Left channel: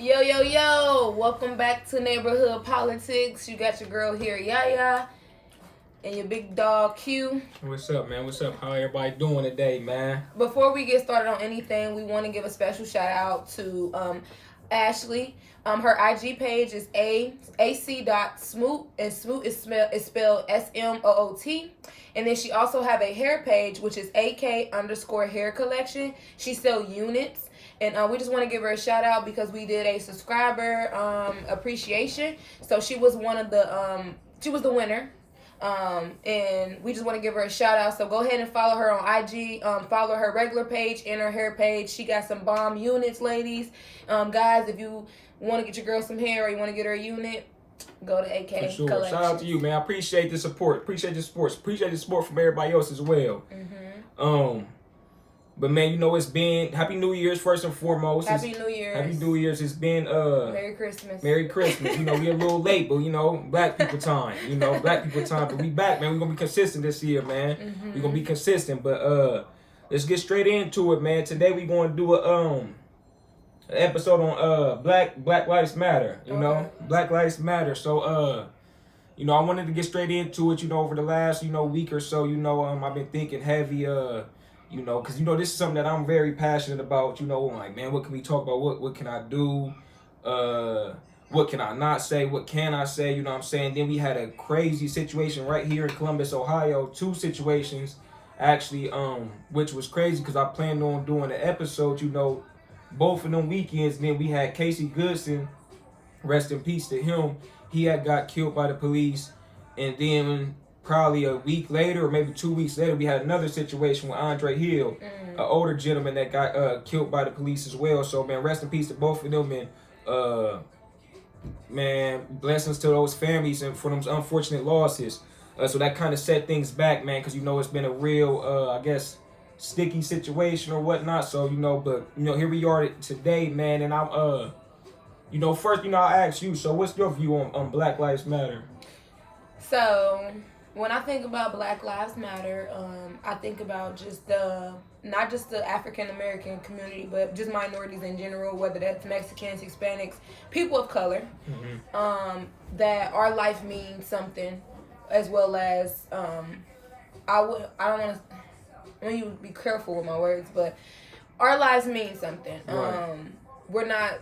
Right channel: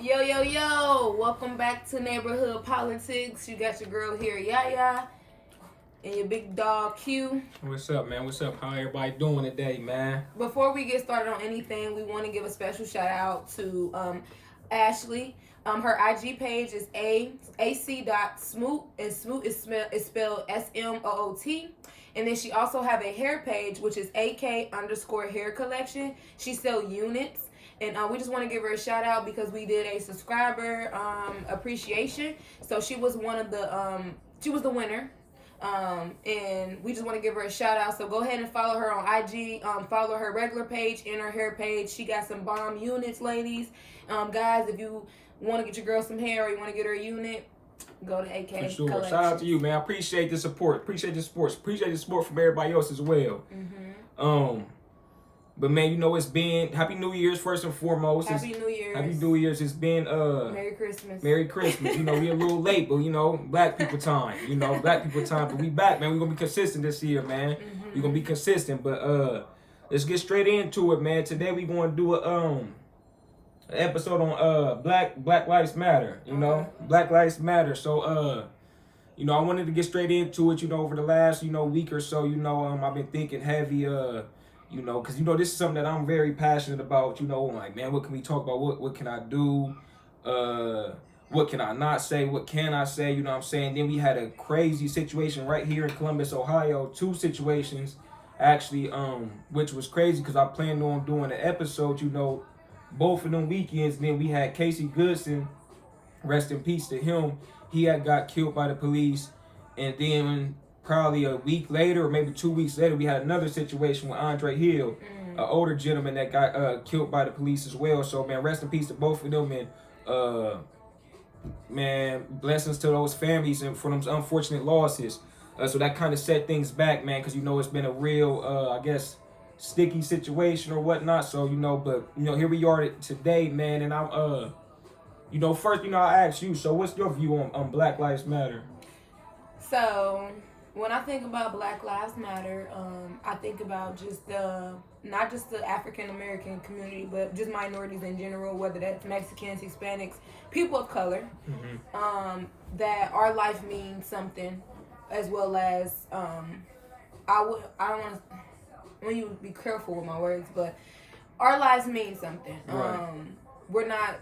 Yo, yo, yo! Welcome back to Neighborhood Politics. You got your girl here, Yaya, and your big dog, Q. What's up, man? What's up? How everybody doing today, man? Before we get started on anything, we want to give a special shout out to Ashley. Her IG page is ac.smoot, and smoot is spelled SMOOT. And then she also have a hair page, which is AK_hair collection. She sell units. And we just want to give her a shout out because we did a subscriber appreciation. So she was one of the she was the winner. And we just want to give her a shout out. So go ahead and follow her on IG. Follow her regular page and her hair page. She got some bomb units, ladies. Guys, if you want to get your girl some hair or you want to get her a unit, go to AK. For sure. Collection. Shout out to you, man. I appreciate the support. Appreciate the support. Appreciate the support from everybody else as well. But man, you know, it's been Happy New Year's first and foremost. Happy New Year's. Happy New Year's. It's been Merry Christmas. Merry Christmas. You know, we a little late, but you know, black people time. You know, black people time. But we back, man. We're gonna be consistent this year, man. We're gonna be consistent. But let's get straight into it, man. Today we gonna do a an episode on Black Lives Matter. You know, Black Lives Matter. So you know, I wanted to get straight into it. You know, over the last week or so, you know, I've been thinking heavy. You know, because, you know, this is something that I'm very passionate about. You know, I'm like, man, what can we talk about? What can I do? What can I not say? What can I say? You know what I'm saying? Then we had a crazy situation right here in Columbus, Ohio. 2 situations, actually, which was crazy because I planned on doing an episode, you know, both of them weekends. Then we had Casey Goodson, rest in peace to him. He had got killed by the police. And then probably a week later or maybe 2 weeks later, we had another situation with Andre Hill, an older gentleman that got killed by the police as well. So, man, rest in peace to both of them. And, man, blessings to those families and for those unfortunate losses. So that kind of set things back, man, because, you know, it's been a real, I guess, sticky situation or whatnot. So, you know, but, you know, here we are today, man. And I'm, you know, first, you know, I ask you, so what's your view on Black Lives Matter? So when I think about Black Lives Matter, I think about just not just the African American community, but just minorities in general, whether that's Mexicans, Hispanics, people of color, that our life means something, as well as I don't want to. I want you to be careful with my words, but our lives mean something. Right. We're not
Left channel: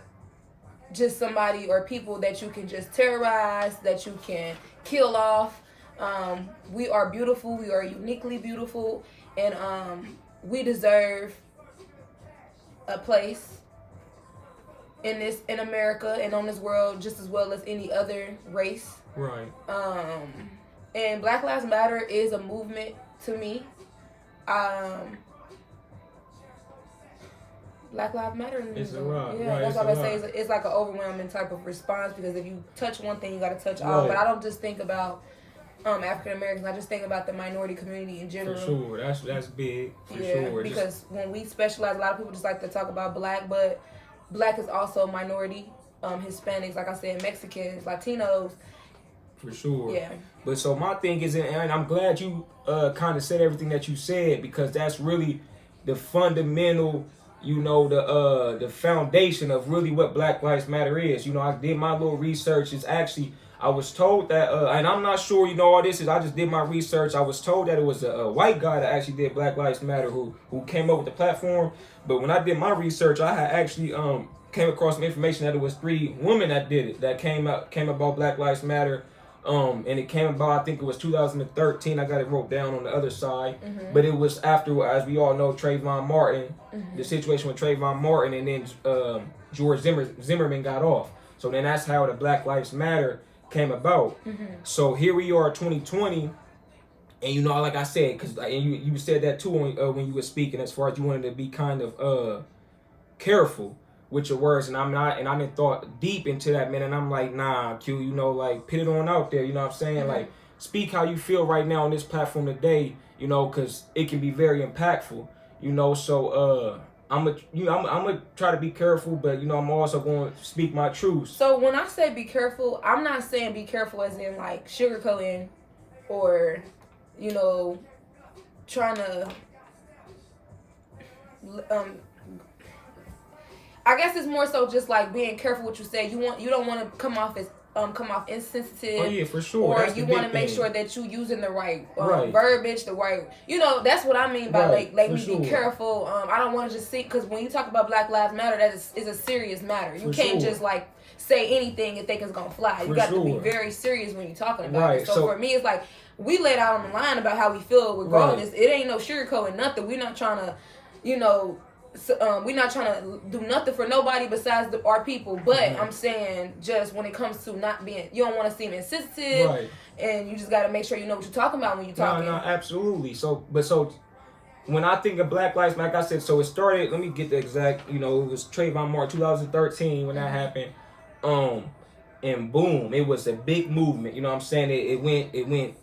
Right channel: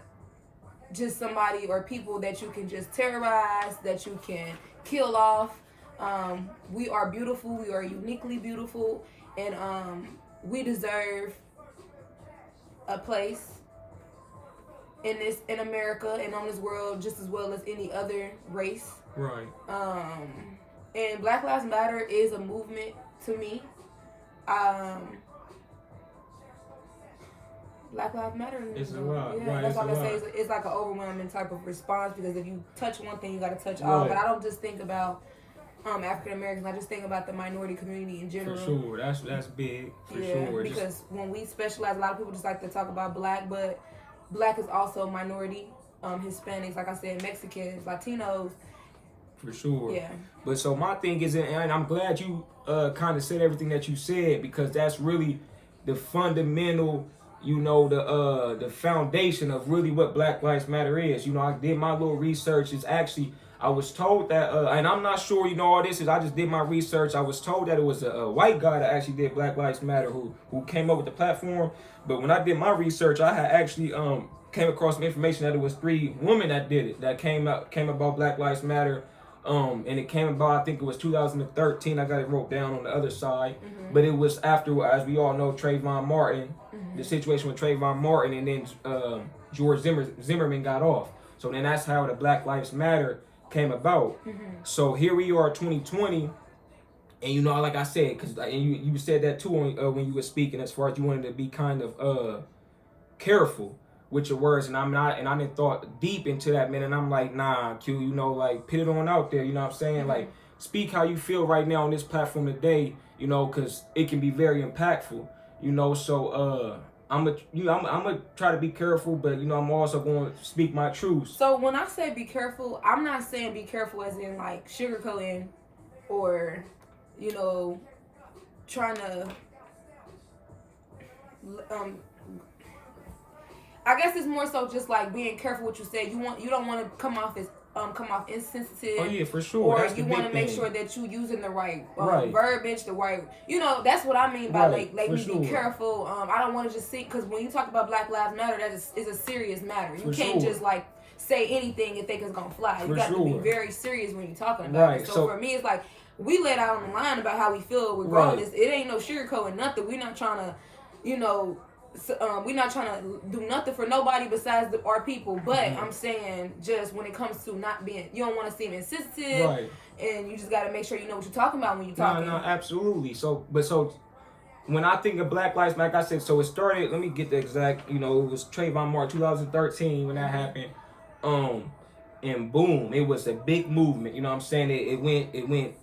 just somebody or people that you can just terrorize, that you can kill off. We are beautiful. We are uniquely beautiful, and we deserve a place in America and on this world just as well as any other race. Right. And Black Lives Matter is a movement to me. Black Lives Matter. It's a lot. Yeah, right. that's It's what I a say. It's like an overwhelming type of response because if you touch one thing, you got to touch all. Right. But I don't just think about African Americans. I just think about the minority community in general. For sure, that's big. For sure. Because when we specialize, a lot of people just like to talk about black, but black is also minority. Hispanics, like I said, Mexicans, Latinos. For sure. Yeah. But so my thing is, and I'm glad you kind of said everything that you said because that's really the fundamental, you know, the foundation of really what Black Lives Matter is. You know, I did my little research. It's actually, I was told that, and I'm not sure, you know, all this is, I just did my research. I was told that it was a white guy that actually did Black Lives Matter who came up with the platform. But when I did my research, I had actually came across some information that it was 3 women that did it, that came about Black Lives Matter. And it came about, I think it was 2013. I got it wrote down on the other side. But it was after, as we all know, Trayvon Martin, the situation with Trayvon Martin, and then George Zimmerman got off. So then that's how the Black Lives Matter came about. So here we are, 2020, and you know, like I said, because you said that too when you were speaking, as far as you wanted to be kind of careful with your words, and I'm not, and I didn't thought deep into that, man, and I'm like, nah, Q, you know, like, put it on out there, you know what I'm saying? Like, speak how you feel right now on this platform today, you know, because it can be very impactful, you know, so, I'm gonna try to be careful, but, you know, I'm also going to speak my truth. So when I say be careful, I'm not saying be careful as in, like, sugarcoating or, you know, trying to I guess it's more so just like being careful what you say. You don't want to come off insensitive. Oh yeah, for sure. Or that's you want to make sure that you using the right, right. verbiage, the right. That's what I mean by like me sure. be careful. I don't want to just see, because when you talk about Black Lives Matter, that is a serious matter. You can't just like say anything and think it's gonna fly. You got to be very serious when you're talking about it. So for me, it's like we laid out on the line about how we feel regardless. It ain't no sugarcoating nothing. We're not trying to, we're not trying to do nothing for nobody besides our people. But I'm saying, just when it comes to not being, you don't want to seem insensitive, and you just got to make sure you know what you're talking about when you're talking. No, absolutely. So when I think of Black Lives Matter, like I said, so it started. Let me get the exact. It was Trayvon Martin, 2013 when that happened. And boom, it was a big movement. You know what I'm saying? It went,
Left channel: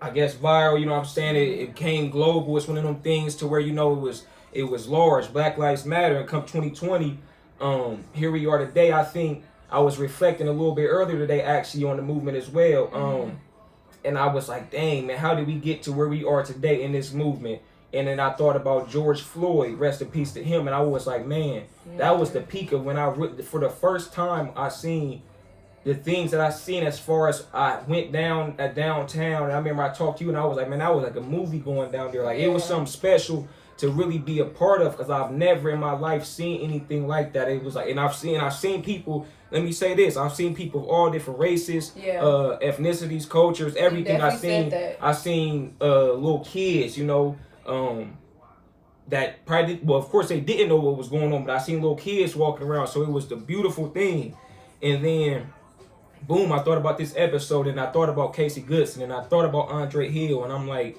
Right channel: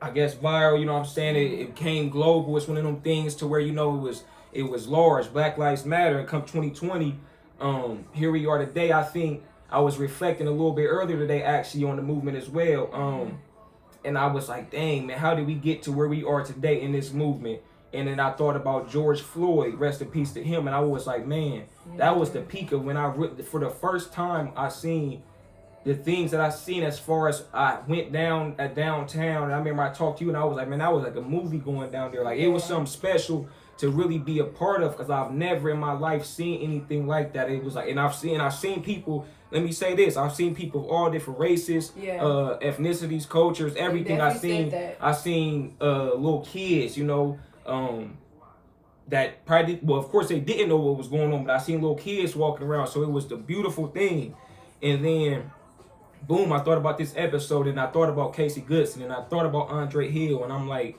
I guess, viral. You know what I'm saying? It became global. It's one of them things to where it was large. Black Lives Matter. And come 2020, here we are today. I think I was reflecting a little bit earlier today, actually, on the movement as well. And I was like, dang, man, how did we get to where we are today in this movement? And then I thought about George Floyd, rest in peace to him. And I was like, man, that was the peak of when for the first time I seen the things that I seen, as far as I went down at downtown. And I remember I talked to you and I was like, man, that was like a movie going down there. Like it was something special to really be a part of, because I've never in my life seen anything like that. It was like, and I've seen people, let me say this, I've seen people of all different races, ethnicities, cultures, everything. I seen little kids, that probably, well, of course they didn't know what was going on, but I seen little kids walking around. So it was the beautiful thing. And then boom, I thought about this episode, and I thought about Casey Goodson, and I thought about Andre Hill, and I'm like,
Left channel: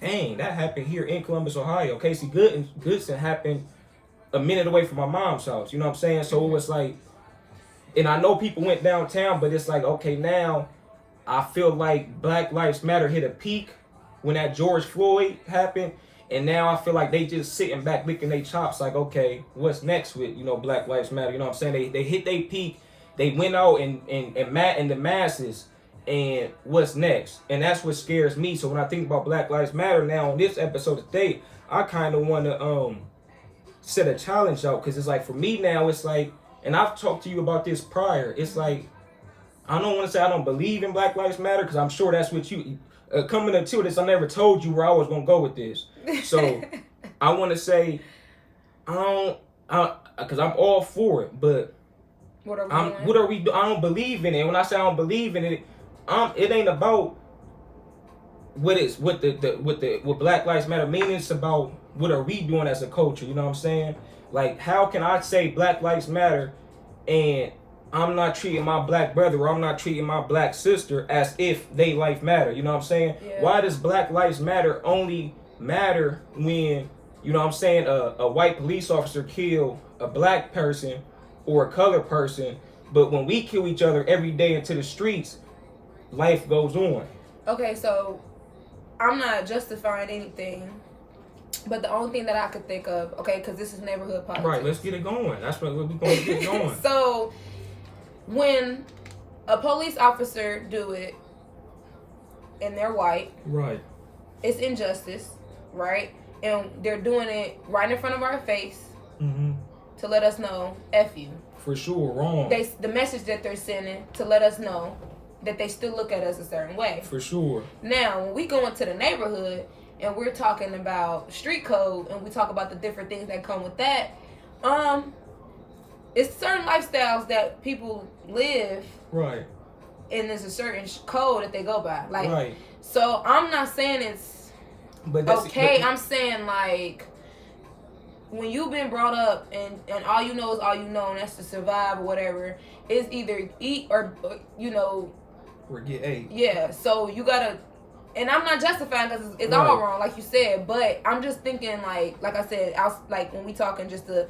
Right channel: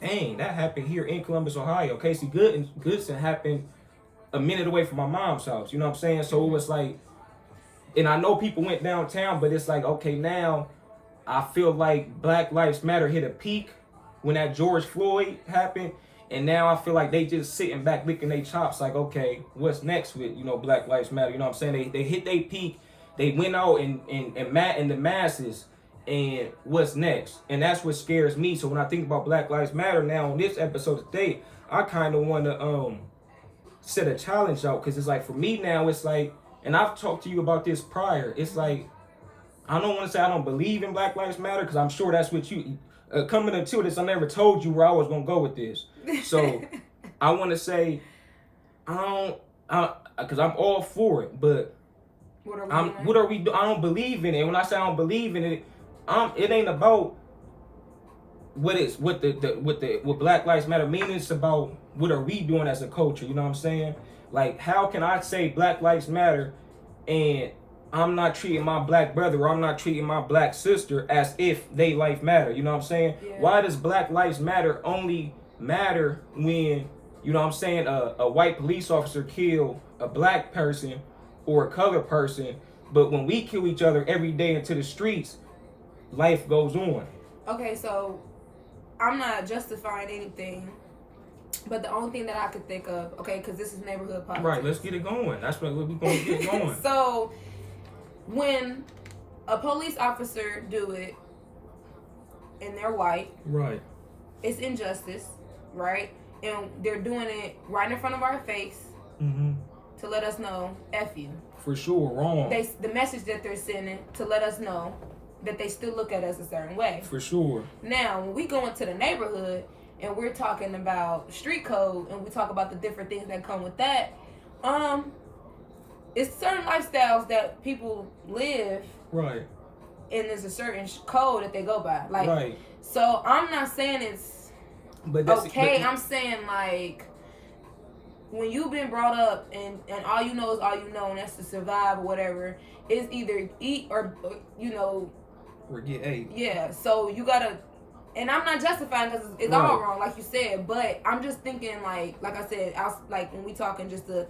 dang, that happened here in Columbus, Ohio. Casey Goodson happened a minute away from my mom's house. You know what I'm saying? So it was like, and I know people went downtown, but it's like, okay, now I feel like Black Lives Matter hit a peak when that George Floyd happened. And now I feel like they just sitting back licking their chops like, okay, what's next with, Black Lives Matter? You know what I'm saying? They hit their peak. They went out and the masses. And what's next? And that's what scares me. So when I think about Black Lives Matter now on this episode today, I kind of want to set a challenge out, because it's like, for me now, it's like, and I've talked to you about this prior, it's like, I don't want to say I don't believe in Black Lives Matter, because I'm sure that's what you coming into this, I never told you where I was gonna go with this. So I want to say because I'm all for it, but what are we doing? I don't believe in it. When I say I don't believe in it, it ain't about what Black Lives Matter means. It's about what are we doing as a culture. You know what I'm saying? Like, how can I say Black Lives Matter and I'm not treating my black brother or I'm not treating my black sister as if they life matter? You know what I'm saying? Yeah. Why does Black Lives Matter only matter when, you know what I'm saying, a white police officer kill a black person or a colored person, but when we kill each other every day into the streets, life goes on? Okay, so I'm not justifying anything, but the only thing that I could think of, okay, because this is neighborhood politics. Right, let's get it going. That's what we're going to get going. So when a police officer do it and they're white, right, it's injustice, right? And they're doing it right in front of our face to let us know, F you. For sure, wrong. The message that they're sending to let us know that they still look at us a certain way. For sure. Now, when we go into the neighborhood and we're talking about street code and we talk about the different things that come with that, it's certain lifestyles that people live. Right. And there's a certain code that they go by. Like, right. So I'm not saying it's okay. I'm saying, like, when you've been brought up and all you know is all you know, and that's to survive or whatever, is either eat or or get ate. Yeah, so you gotta, and I'm not justifying because it's all wrong, like you said, but I'm just thinking, like I said, like when we talking just the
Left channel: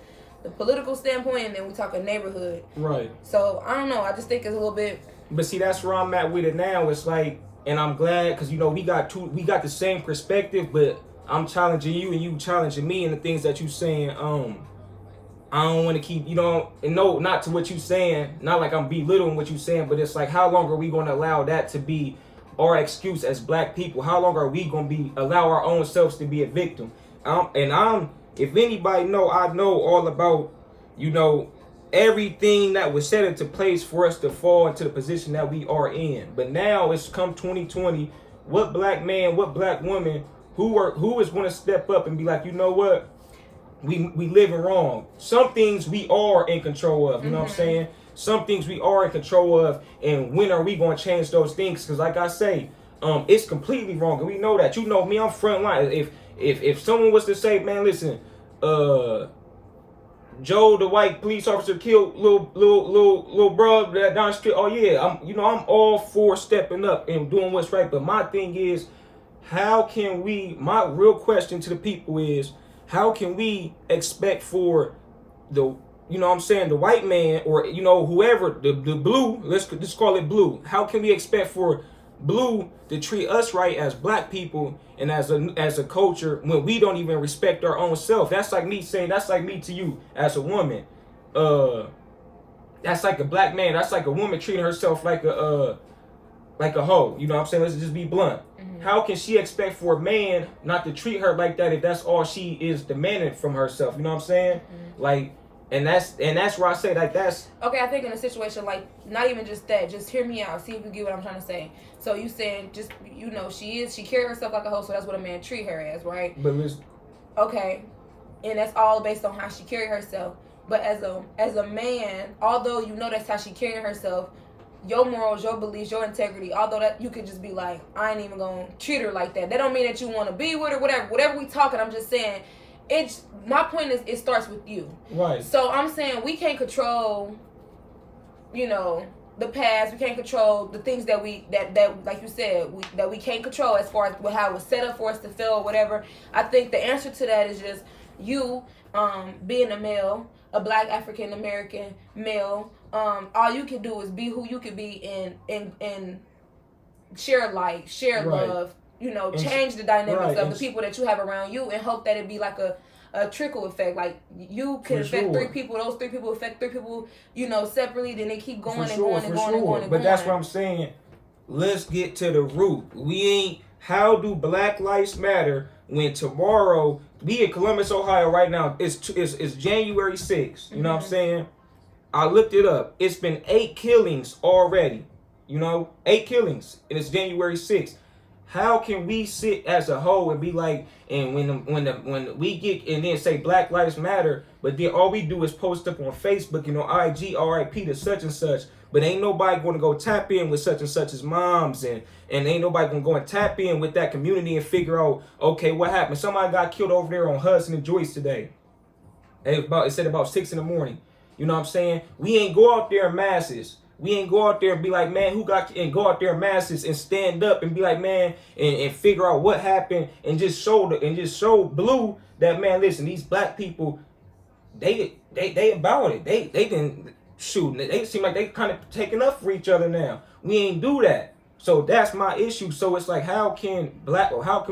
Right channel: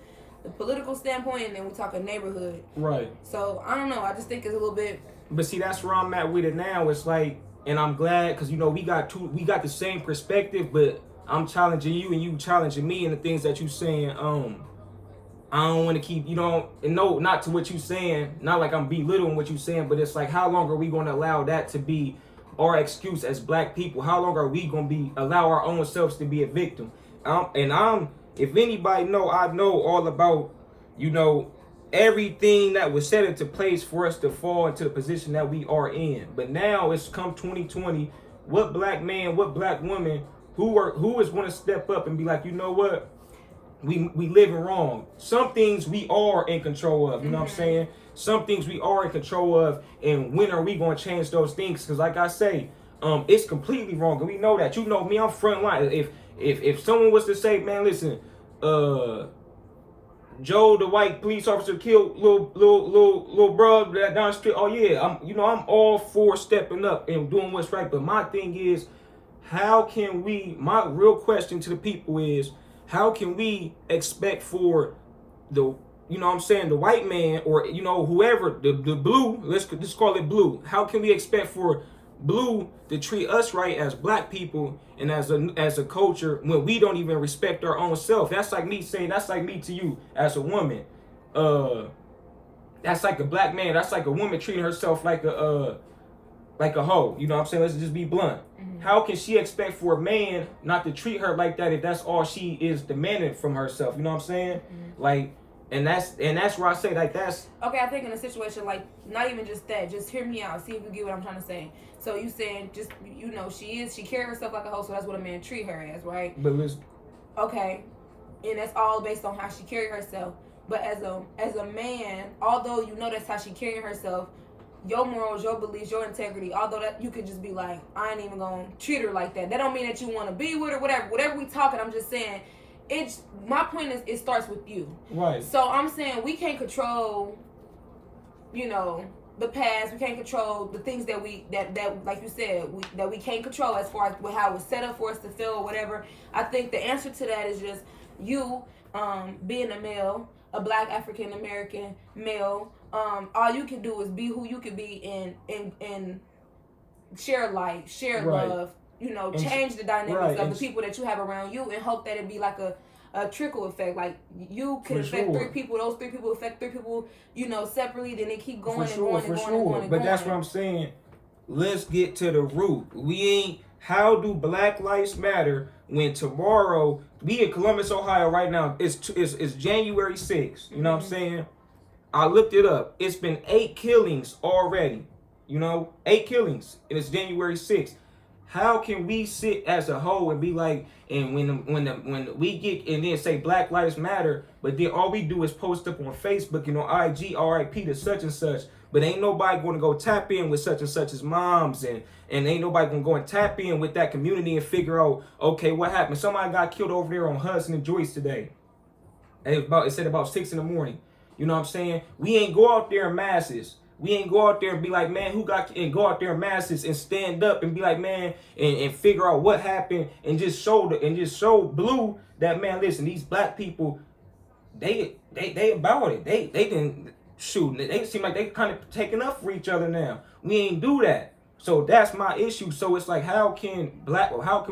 political standpoint, and then we talking neighborhood. Right. So I don't know. I just think it's a little bit. But see, that's where I'm at with it now. It's like, and I'm glad because we got the same perspective, but I'm challenging you and you challenging me, and the things that you saying. I don't want to keep, and no, not to what you saying, not like I'm belittling what you saying, but it's like, how long are we going to allow that to be our excuse as black people? How long are we going to allow our own selves to be a victim? If anybody know, I know all about, everything that was set into place for us to fall into the position that we are in. But now it's come 2020. What black man, what black woman, who is going to step up and be like, you know what? We living wrong. Some things we are in control of. You know what I'm saying? Some things we are in control of. And when are we going to change those things? Because like I say, it's completely wrong. And we know that. You know me, I'm front line. If someone was to say, man, listen, Joe, the white police officer, killed little bro down the street. Oh yeah, I'm all for stepping up and doing what's right. But my thing is, how can we? My real question to the people is, how can we expect for the, you know what I'm saying, the white man, or you know, whoever, the blue, let's just call it blue. How can we expect for blue to treat us right as black people and as a culture when we don't even respect our own self? That's like me saying, that's like me to you as a woman. That's like a black man, that's like a woman treating herself like a hoe. You know what I'm saying? Let's just be blunt. How can she expect for a man not to treat her like that if that's all she is demanding from herself? You know what I'm saying? Like, and that's where I say, like, that's okay. I think in a situation like, not even just that, just hear me out, see if you get what I'm trying to say. So you saying, just, you know, she carries herself like a hoe, so that's what a man treat her as, right? But listen, okay, and that's all based on how she carry herself. But as a man, although you know that's how she carry herself, your morals, your beliefs, your integrity, although that you could just be like, I ain't even gonna treat her like that. That don't mean that you want to be with her, whatever we talking. I'm just saying, my point is, it starts with you. Right. So I'm saying we can't control, you know, the past. We can't control the things that like you said, that we can't control as far as how it was set up for us to feel or whatever. I think the answer to that is just you being a male, a black African American male. All you can do is be who you can be and share life, share love, you know, change the dynamics of the people that you have around you, and hope that it be like a trickle effect. Like, you can affect 3 people, those 3 people affect 3 people, you know, separately, then they keep going and going and going. But that's what I'm saying. Let's get to the root. How do Black Lives Matter when tomorrow, we in Columbus, Ohio right now, it's January 6th, you know what I'm saying? I looked it up. It's been 8 killings already. You know, 8 killings, and it's January 6th. How can we sit as a whole and be like, and when we get and then say Black Lives Matter, but then all we do is post up on Facebook, you know, IG, RIP to such and such, but ain't nobody going to go tap in with such and such's moms, and ain't nobody going to go and tap in with that community and figure out, okay, what happened? Somebody got killed over there on Hudson and Joyce today. It said about 6 in the morning. You know what I'm saying? We ain't go out there in masses. We ain't go out there and be like, man, and go out there in masses and stand up and be like, man, and figure out what happened and just show blue that, man, listen, these black people, they about it. They didn't shoot. They seem like they kind of taking up for each other now. We ain't do that. So that's my issue. So it's like, how can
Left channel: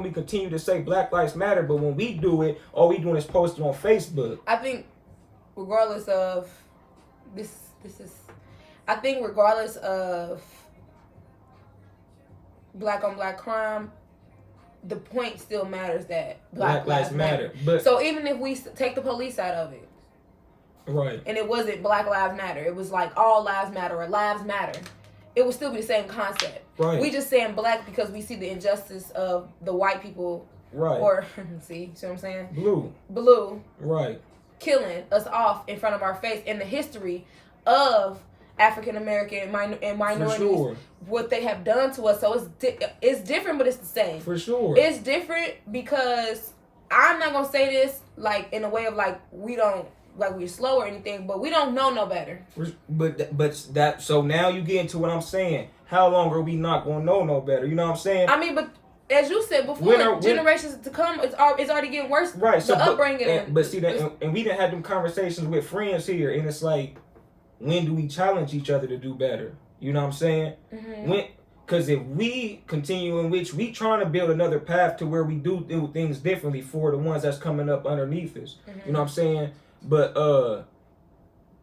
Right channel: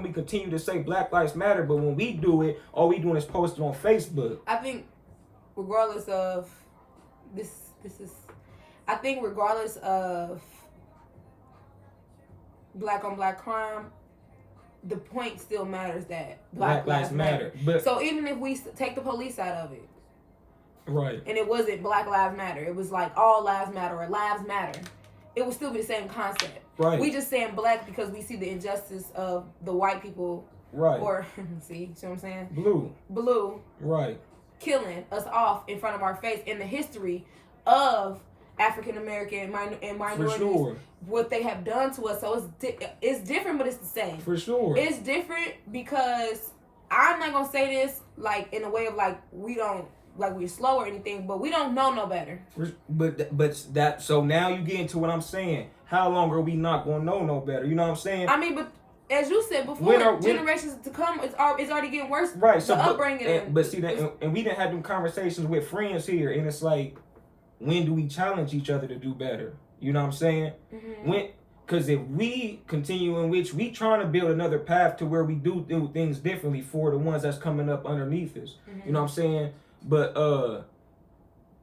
we continue to say Black Lives Matter, but when we do it, all we doing is posting on Facebook? I think regardless of regardless of black on black crime, the point still matters that Black Lives Matter. But so even if we take the police out of it, right, and it wasn't Black Lives Matter, it was like all lives matter or lives matter, it would still be the same concept. Right. We just saying black because we see the injustice of the white people. Right. Or see what I'm saying? Blue. Right. Killing us off in front of our face in the history of African American and minorities, sure, what they have done to us. So it's different, but it's the same. For sure. It's different because I'm not gonna say this like in a way of like we're slow or anything, but we don't know no better. But so now you get into what I'm saying. How long are we not gonna know no better? You know what I'm saying? I mean, but as you said before, generations to come, it's already getting worse. Right. So, upbringing. But see that, and we didn't have them conversations with friends here, and it's like, when do we challenge each other to do better? You know what I'm saying? Mm-hmm. Because if we continue in which we trying to build another path to where we do things differently for the ones that's coming up underneath us. Mm-hmm. You know what I'm saying? But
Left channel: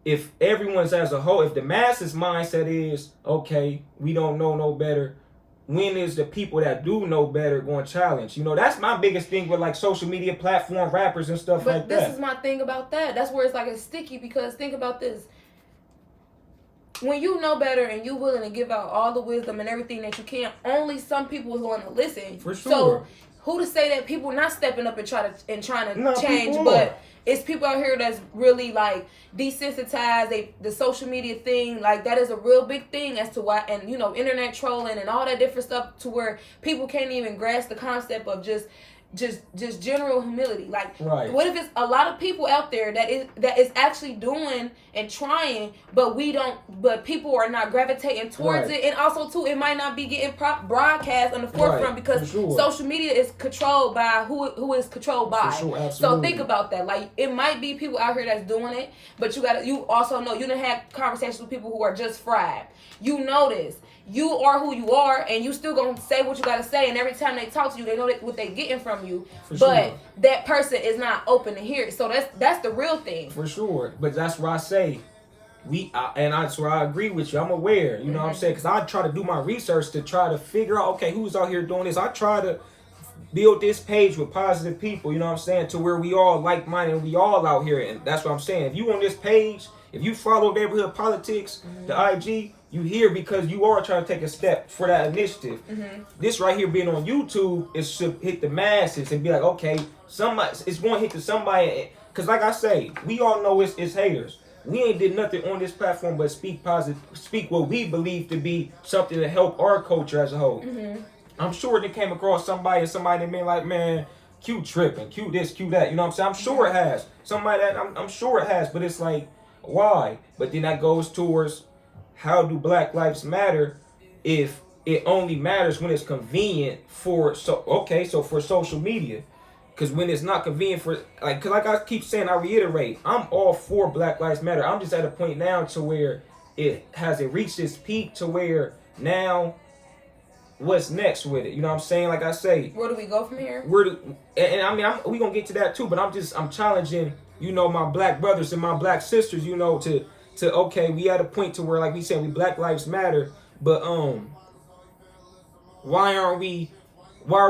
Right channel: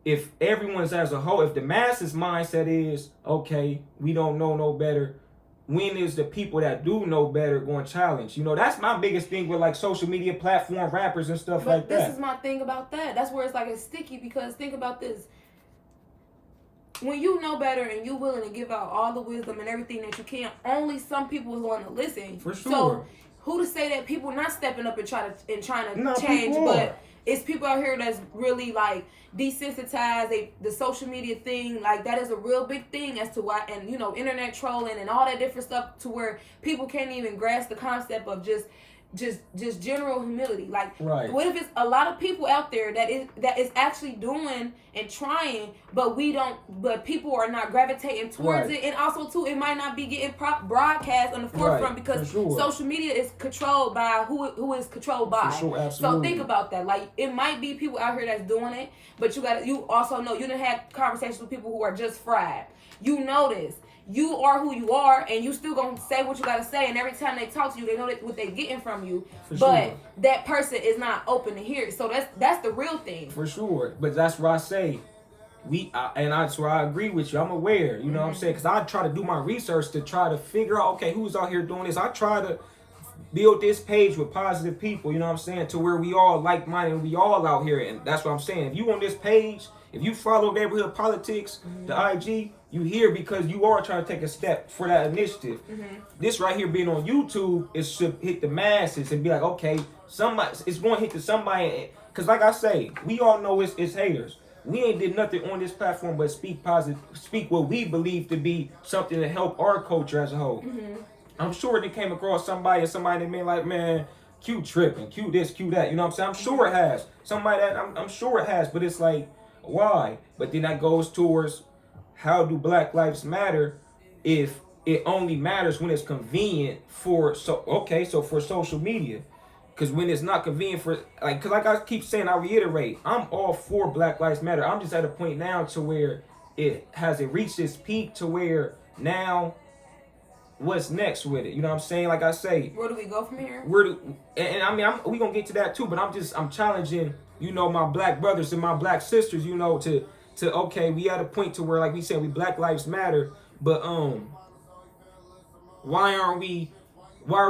if everyone's as a whole, if the masses mindset is, okay, we don't know no better, when is the people that do know better going to challenge? You know, that's my biggest thing with like social media platform rappers and stuff like that. But this is my thing about that. That's where it's like it's sticky, because think about this. when you know better and you willing to give out all the wisdom and everything that you can, only some people are going to listen. For sure. So who to say that people not stepping up and trying to change, people but it's people out here that's really like desensitized. The social media thing, like that is a real big thing as to why, and you know, internet trolling and all that different stuff, to where people can't even grasp the concept of just general humility. Like, right. What if it's a lot of people out there that is actually doing and trying, but people are not gravitating towards it, and also too, it might not be getting broadcast on the forefront because social media is controlled by who is controlled by. For sure, absolutely. So think about that. Like, it might be people out here that's doing it, but you also know you done had conversations with people who are just fried. You know this. You are who you are, and you still gonna say what you gotta say. And every time they talk to you, they know what they getting from you. But that person is not open to hear it. So that's the real thing. For sure. But that's why I say that's where I agree with you. I'm aware. You know what I'm saying? Because I try to do my research to try to figure out, okay, who's out here doing this. I try to build this page with positive people. You know what I'm saying? To where we all like-minded, we all out here, and that's what I'm saying. If you on this page, if you follow Neighborhood Politics, the IG, you here because you are trying to take a step for that initiative. This right here being on YouTube, it should hit the masses and be like, okay, it's going to hit to somebody. Because like I say, we all know it's haters. We ain't did nothing on this platform but speak positive, speak what we believe to be something to help our culture as a whole. I'm sure they came across somebody that been like, man, Q tripping, Q this, Q that. You know what I'm saying? I'm sure it has. Somebody that I'm sure it has, but it's like, why? But then that goes towards, how do Black Lives Matter if it only matters when it's convenient for for social media? Because when it's not convenient for, because like I keep saying, I reiterate, I'm all for Black Lives Matter. I'm just at a point now to where it reached its peak to where now, what's next with it? You know what I'm saying? Like I say, where do we go from here? We gonna get to that too, but I'm challenging, you know, my Black brothers and my Black sisters, you know, to okay, we at a point to where, like we said, we Black Lives Matter, but why are we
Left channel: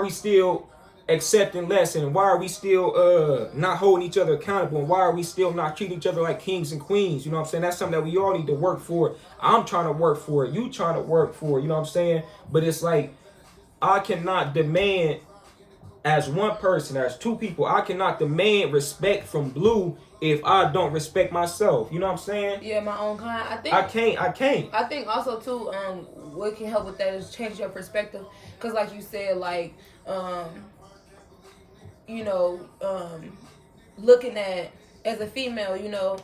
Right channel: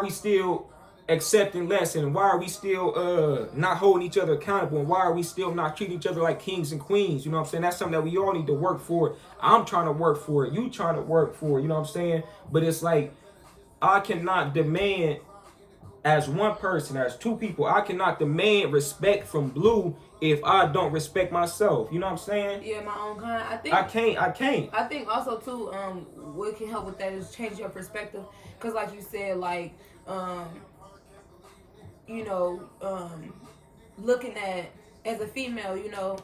still accepting less, and why are we still not holding each other accountable, and why are we still not treating each other like kings and queens? You know what I'm saying? That's something that we all need to work for. I'm trying to work for it, you trying to work for it, you know what I'm saying? But it's like, I cannot demand, as one person, as two people, I cannot demand respect from Blue if I don't respect myself. You know what I'm saying? Yeah, my own kind. I can't. I think also too, what can help with that is change your perspective. Cause like you said, like, you know, looking at, as a female, you know,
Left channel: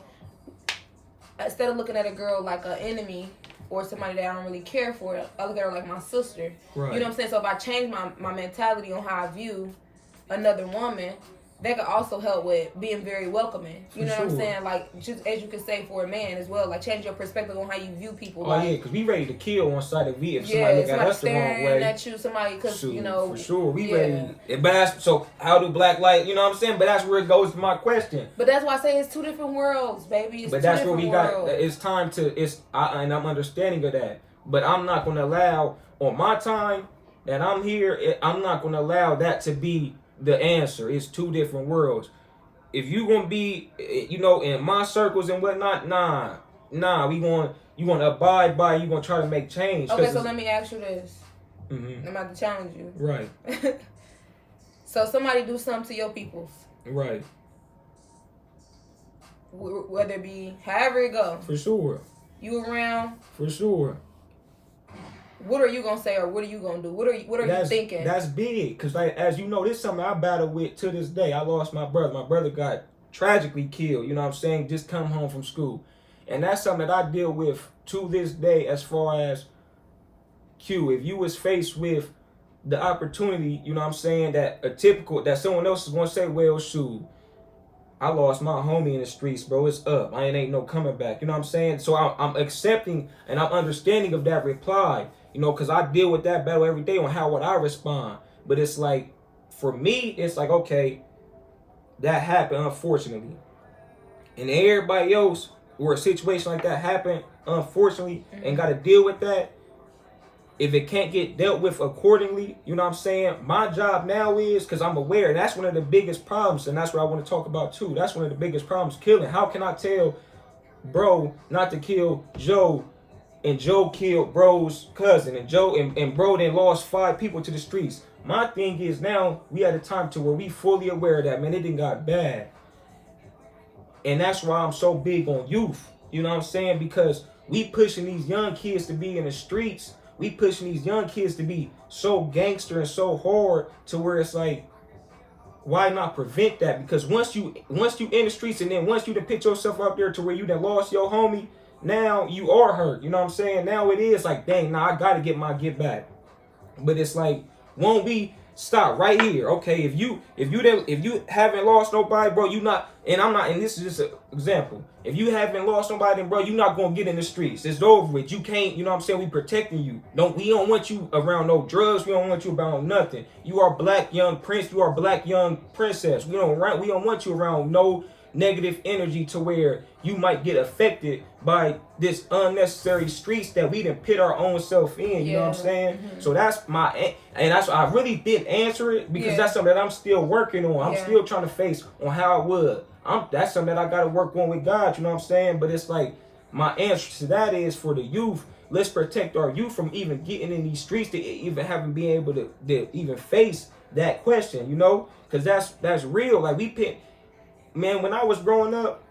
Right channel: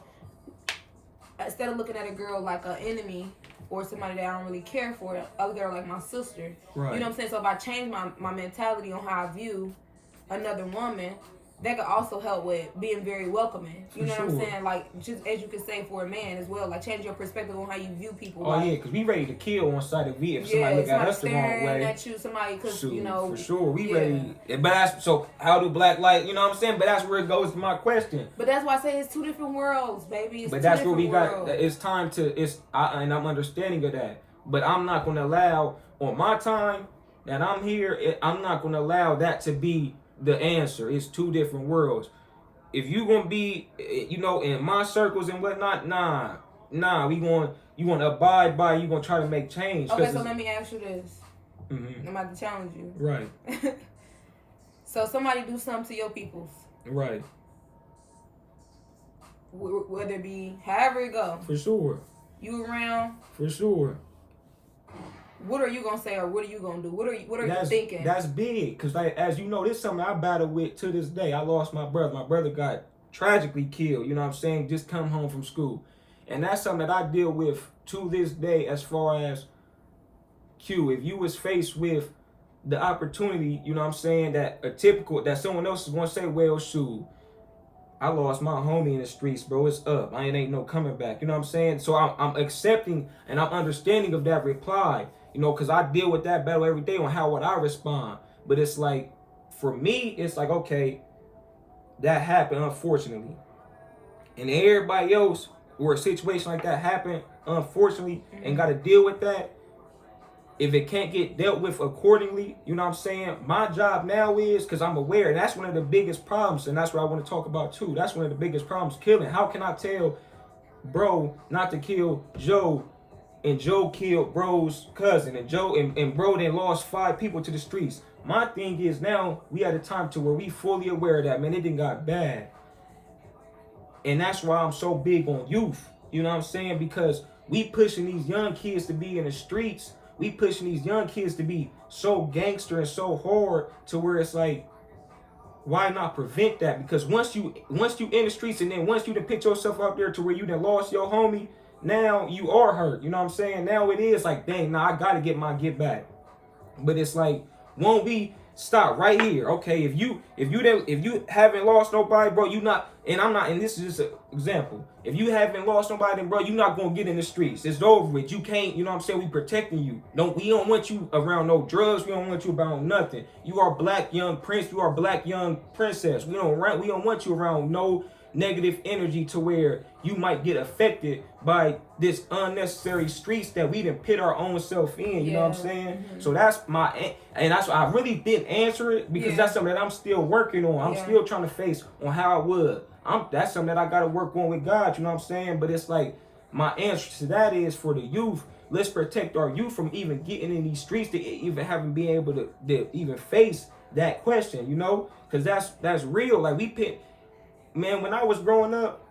instead of looking at a girl like an enemy or somebody that I don't really care for, I look at her like my sister. Right. You know what I'm saying? So if I change my mentality on how I view another woman, that could also help with being very welcoming. You know what I'm saying? Like, just as you could say for a man as well, like, change your perspective on how you view people. Oh, like, yeah, because we ready to kill on side of if somebody look at us the wrong way. At you, somebody, because, you know. For sure, we ready. But so how do Black light, you know what I'm saying? But that's where it goes to my question. But that's why I say it's two different worlds, baby. But that's where we got, it's time to, and I'm understanding of that. But I'm not going to allow, on my time that I'm here, I'm not going to allow that to be the answer. It's two different worlds. If you gonna be, you know, in my circles and whatnot, nah, you gonna abide by, you gonna try to make change. Okay, so let me ask you this. I'm about to challenge you. Right. So somebody do something to your peoples. Right. Whether it be however it go. For sure. You around. For sure. What are you gonna say, or what are you gonna do? What are you thinking? That's big, cause like, as you know, this is something I battle with to this day. I lost my brother. My brother got tragically killed. You know what I'm saying? Just come home from school, and that's something that I deal with to this day. As far as Q, if you was faced with the opportunity, you know what I'm saying, that someone else is gonna say, well, shoot, I lost my homie in the streets, bro. It's up. I ain't no coming back. You know what I'm saying? So I'm accepting and I'm understanding of that reply. You know, because I deal with that battle every day on how would I respond. But it's like, for me, it's like, okay, that happened, unfortunately. And everybody else, where a situation like that happened, unfortunately, and got to deal with that, if it can't get dealt with accordingly, you know what I'm saying? My job now is, because I'm aware, and that's one of the biggest problems, and that's what I want to talk about too. That's one of the biggest problems, killing. How can I tell bro not to kill Joe and Joe killed bro's cousin, and Joe and bro then lost 5 people to the streets. My thing is now we at a time to where we fully aware of that, man. It done got bad. And that's why I'm so big on youth. You know what I'm saying? Because we pushing these young kids to be in the streets. We pushing these young kids to be so gangster and so hard to where it's like, why not prevent that? Because once you in the streets, and then once you done put yourself out there to where you done lost your homie, now you are hurt. You know what I'm saying? Now it is like, dang, now I gotta get my get back. But it's like, won't we stop right here? Okay, if you haven't lost nobody, bro, you not, and I'm not, and this is just an example. If you haven't lost nobody, then bro, you not gonna get in the streets. It's over with. You can't, you know what I'm saying? We protecting you. We don't want you around no drugs. We don't want you around nothing. You are black young prince. You are black young princess. We don't want you around no negative energy to where you might get affected by this unnecessary streets that we done put our own self in. You know what I'm saying? Mm-hmm. So that's my, and that's why I really didn't answer it, because that's something that I'm still working on. I'm still trying to face on how I would. That's something that I got to work on with God. You know what I'm saying? But it's like, my answer to that is, for the youth, let's protect our youth from even getting in these streets, to even having been able to even face that question, you know? Because that's real. Like, man, when I was growing up,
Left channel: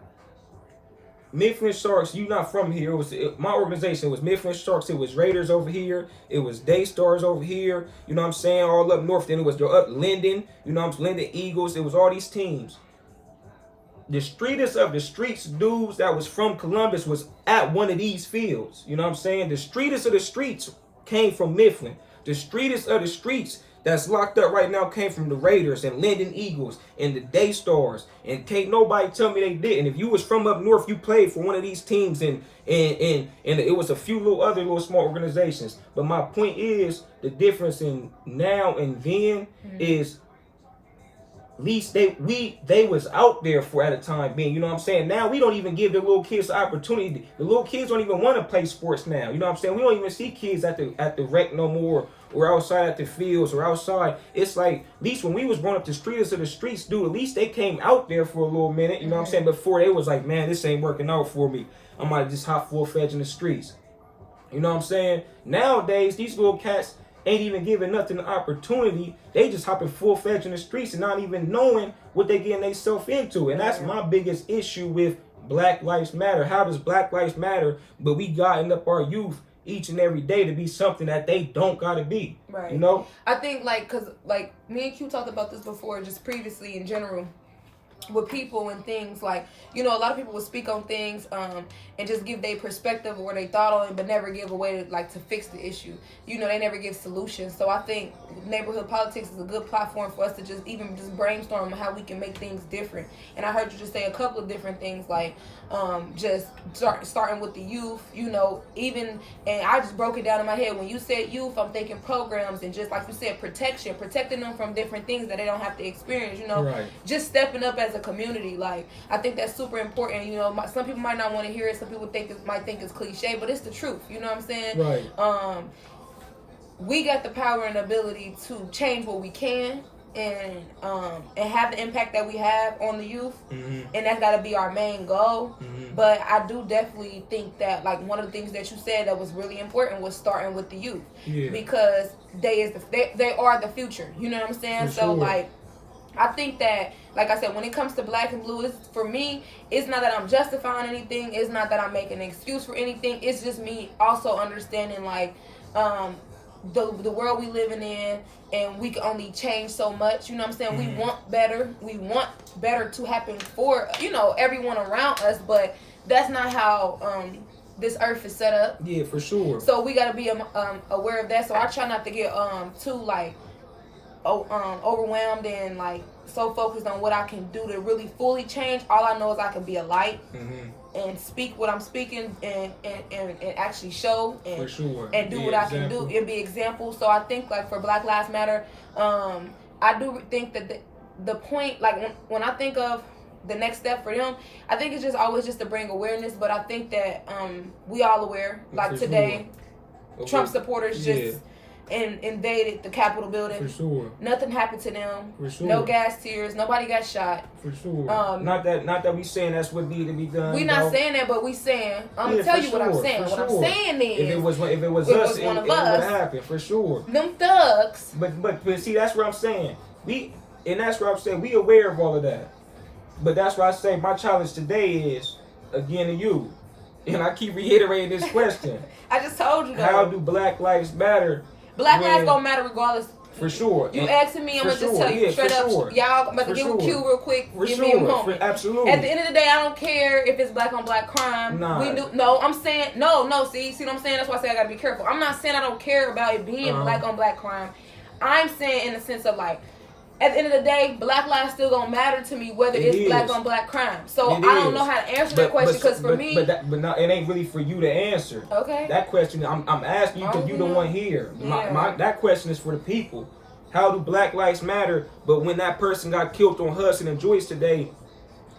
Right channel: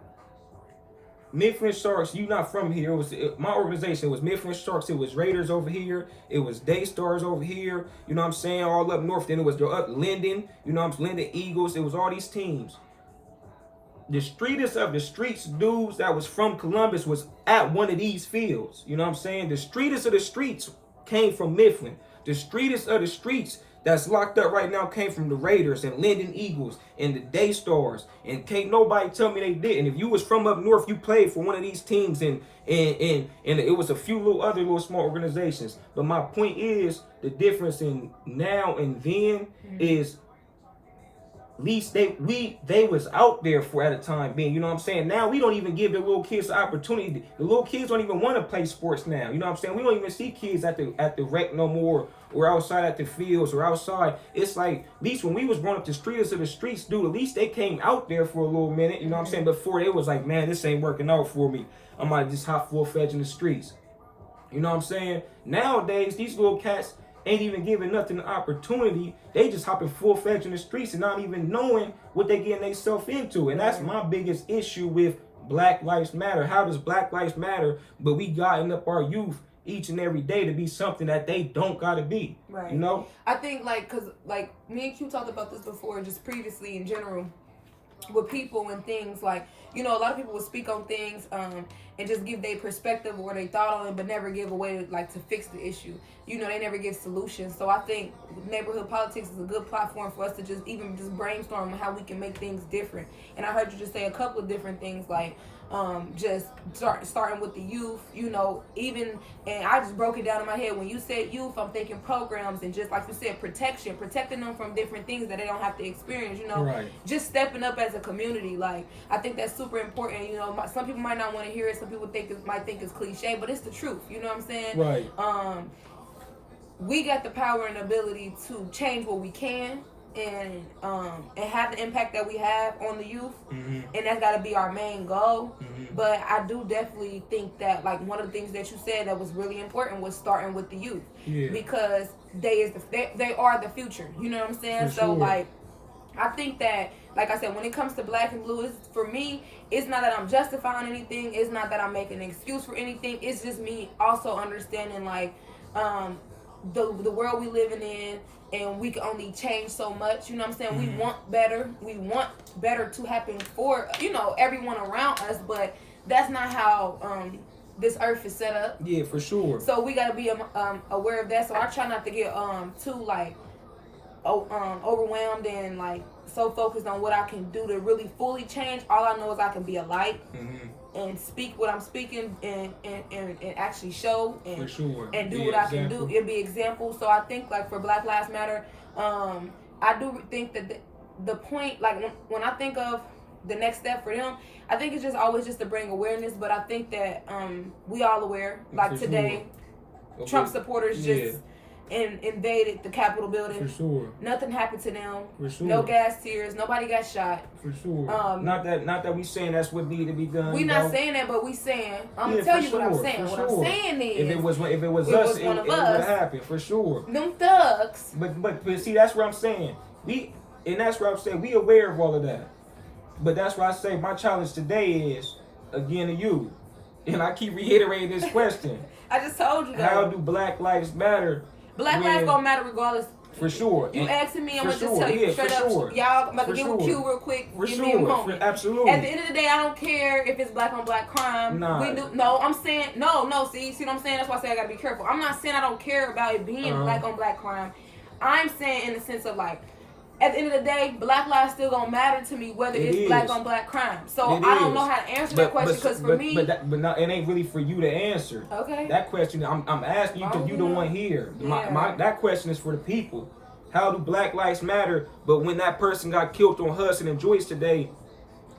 Mifflin Sharks, you not from here. My organization was Mifflin Sharks. It was Raiders over here. It was Daystars over here. You know what I'm saying? All up north. Then it was up Linden. You know what I'm saying? Linden Eagles. It was all these teams. The streetest of the streets dudes that was from Columbus was at one of these fields. You know what I'm saying? The streetest of the streets came from Mifflin. The streetest of the streets that's locked up right now came from the Raiders and Linden Eagles and the Daystars. And can't nobody tell me they didn't. If you was from up north, you played for one of these teams, and it was a few other small organizations. But my point is, the difference in now and then is, at least they was out there for at a time being. You know what I'm saying? Now we don't even give the little kids the opportunity. The little kids don't even want to play sports now. You know what I'm saying? We don't even see kids at the rec no more, or outside at the fields, or outside. It's like, at least when we was growing up, the streeters of the streets, dude, at least they came out there for a little minute. You know what I'm saying? Before they was like, man, this ain't working out for me. I might just hop full-fledged in the streets. You know what I'm saying? Nowadays, these little cats ain't even giving nothing the opportunity. They just hopping full-fledged in the streets and not even knowing what they getting themselves into. And that's my biggest issue with Black Lives Matter. How does Black Lives Matter, but we guiding up our youth each and every day to be something that they don't gotta be? Right. You know? I think, like, cause like me and Q talked about this before, just previously in general, with people and things, like, you know, a lot of people will speak on things and just give their perspective or their thought on it, but never give a way to, like, to fix the issue. You know, they never give solutions. So I think neighborhood politics is a good platform for us to just brainstorm on how we can make things different. And I heard you just say a couple of different things, like just starting with the youth, you know, even, and I just broke it down in my head. When you said youth, I'm thinking programs, and just like you said, protecting them from different things that they don't have to experience, you know, right. Just stepping up as a community. Like, I think that's super important. You know, some people might not want to hear it. Some people might think it's cliche, but it's the truth. You know what I'm saying? Right. We got the power and ability to change what we can, and have the impact that we have on the youth, and that's got to be our main goal. But I do definitely think that, like, one of the things that you said that was really important was starting with the youth, because they are the future. You know what I'm saying? For so sure. Like, I think that, like I said, when it comes to Black and Blue, for me, it's not that I'm justifying anything. It's not that I'm making an excuse for anything. It's just me also understanding, like, the world we living in, and we can only change so much. You know what I'm saying? We want better. We want better to happen for, you know, everyone around us, but that's not how this earth is set up. Yeah, for sure. So we got to be aware of that. So I try not to get too, like, overwhelmed and, like, so focused on what I can do to really fully change. All I know is I can be a light and speak what I'm speaking, and actually show and, for sure, and do what I can do. It'll be example. So I think, like, for Black Lives Matter, I do think that the point, like, when I think of the next step for them, I think it's just always just to bring awareness. But I think that we all aware, like, for today, sure. Trump supporters just and invaded the Capitol building. For sure. Nothing happened to them. For sure. No gas tears. Nobody got shot. For sure. Not that we saying that's what needed to be done. We not saying that, but we saying. I'm gonna tell you what I'm saying. What I'm saying is, if it was us, it would happen for sure. Them thugs. But see, that's what I'm saying. And that's what I'm saying. We aware of all of that. But that's why I say my challenge today is again to you. And I keep reiterating this question. I just told you. How do Black Lives matter? Black lives gonna matter regardless. For sure. You asking me, I'm gonna just tell you straight up. Y'all, I'm about to give a cue real quick. Give me a moment. Absolutely. At the end of the day, I don't care if it's black on black crime. Nah. No, I'm saying no. See what I'm saying? That's why I say I gotta be careful. I'm not saying I don't care about it being black on black crime. I'm saying in the sense of like, at the end of the day, black lives still gonna matter to me whether it's black on black crime. So I don't know how to answer that question because for me, but it ain't really for you to answer. Okay. That question I'm asking you because you the one here. Yeah. That question is for the people. How do Black Lives matter? But when that person got killed on Hudson and Joyce today,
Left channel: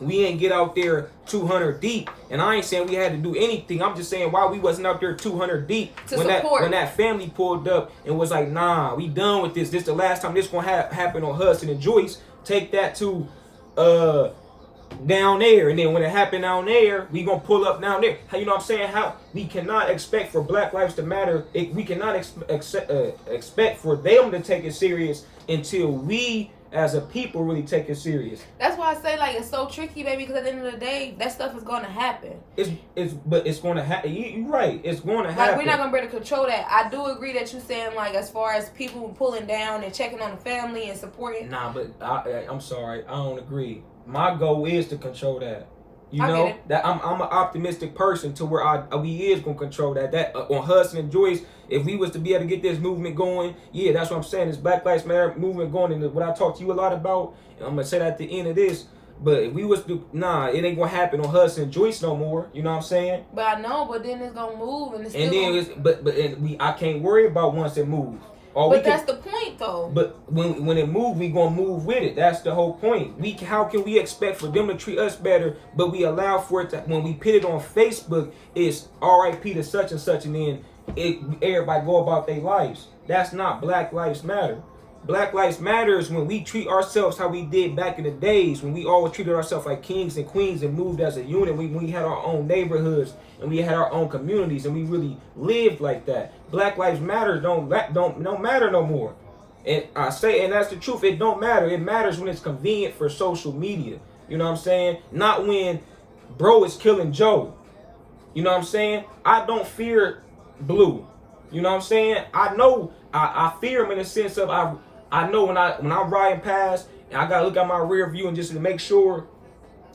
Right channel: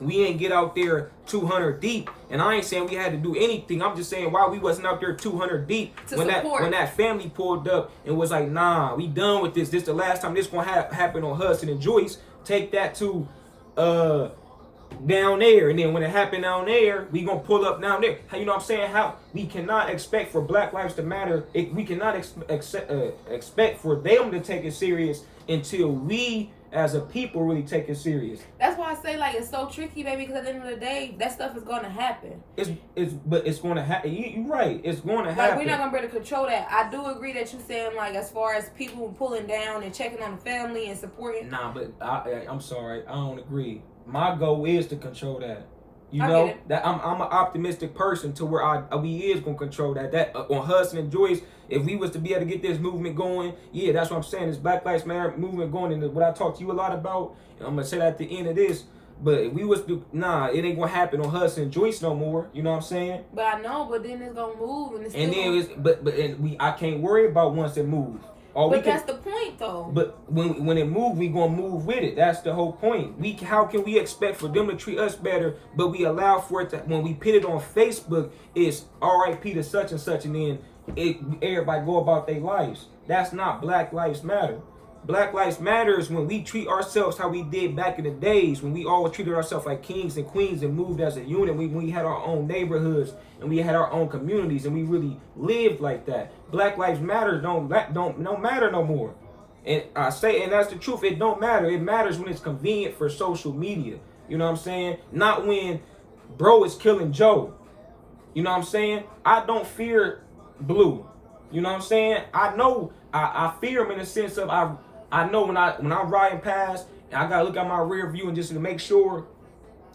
we ain't get out there 200 deep. And I ain't saying we had to do anything. I'm just saying why we wasn't out there 200 deep when that family pulled up and was like, nah, we done with this. This the last time this gonna happen on Hudson and Joyce. Take that to down there, and then when it happened down there, we gonna pull up down there. You know what I'm saying? How we cannot expect for Black Lives to matter. We cannot expect for them to take it serious until we as a people really take it serious. That's why I say like it's so tricky, baby, because at the end of the day, that stuff is gonna happen. It's gonna happen. You're right. It's gonna happen. Like we're not gonna be able to control that. I do agree that you saying like as far as people pulling down and checking on the family and supporting. Nah, but I'm sorry, I don't agree. My goal is to control that. You know that I'm an optimistic person to where we is gonna control that. That on Hudson and Joyce, if we was to be able to get this movement going, yeah, that's what I'm saying. This Black Lives Matter movement going, and what I talked to you a lot about, and I'm gonna say that at the end of this. But if we was to, it ain't gonna happen on Hudson and Joyce no more. You know what I'm saying? But I know, but then it's gonna move, and it's I can't worry about once it moves. That's the point, though. But when it moves, we gonna move with it. That's the whole point. How can we expect for them to treat us better, but we allow for it to, when we put it on Facebook, it's R.I.P. to such and such, and then everybody go about their lives. That's not Black Lives Matter. Black Lives Matter is when we treat ourselves how we did back in the days, when we always treated ourselves like kings and queens and moved as a unit. When we had our own neighborhoods and we had our own communities and we really lived like that. Black Lives Matter don't matter no more. And I say, and that's the truth, it don't matter. It matters when it's convenient for social media. You know what I'm saying? Not when bro is killing Joe. You know what I'm saying? I don't fear Blue. You know what I'm saying? I know I fear him in the sense of I know when I'm riding past and I gotta look at my rear view and just to make sure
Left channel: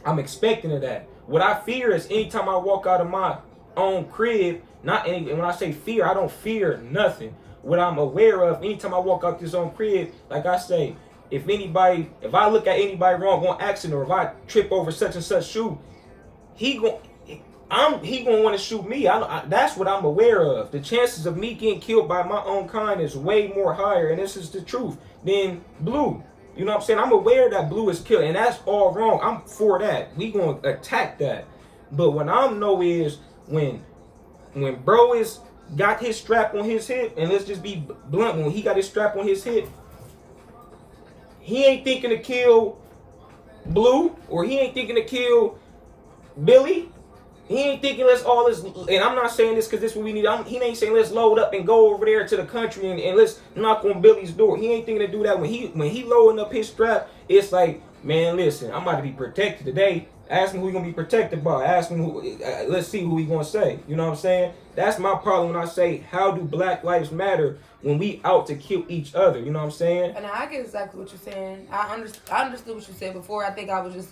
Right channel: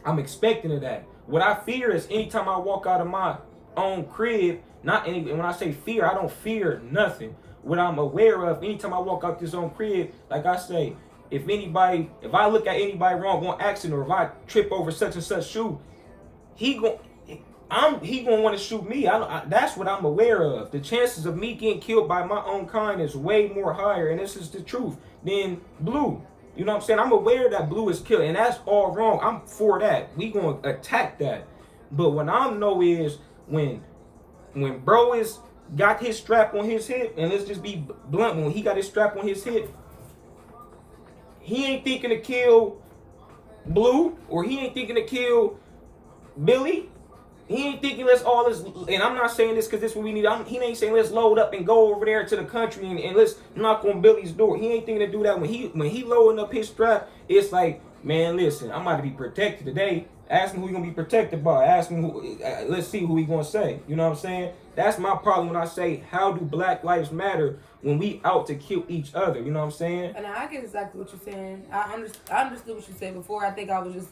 I'm expecting of that. What I fear is anytime I walk out of my own crib, and when I say fear, I don't fear nothing. What I'm aware of, anytime I walk out this own crib, like I say, if I look at anybody wrong on accident, or if I trip over such and such shoe, he gonna want to shoot me. That's what I'm aware of. The chances of me getting killed by my own kind is way more higher, and this is the truth, than Blue. You know what I'm saying? I'm aware that Blue is killed, and that's all wrong. I'm for that. We gonna attack that. But what I know is when bro got his strap on his hip, and let's just be blunt, when he got his strap on his hip, he ain't thinking to kill Blue, or he ain't thinking to kill Billy. He ain't thinking and I'm not saying this because this is what we need. He ain't saying let's load up and go over there to the country and let's knock on Billy's door. He ain't thinking to do that. When he loading up his strap, it's like, man, listen, I'm about to be protected today. Ask me who he gonna be protected by. Ask him let's see who he gonna say. You know what I'm saying? That's my problem when I say, how do Black Lives matter when we out to kill each other? You know what I'm saying? And I get exactly what you're saying. I understood what you said before. I think I was just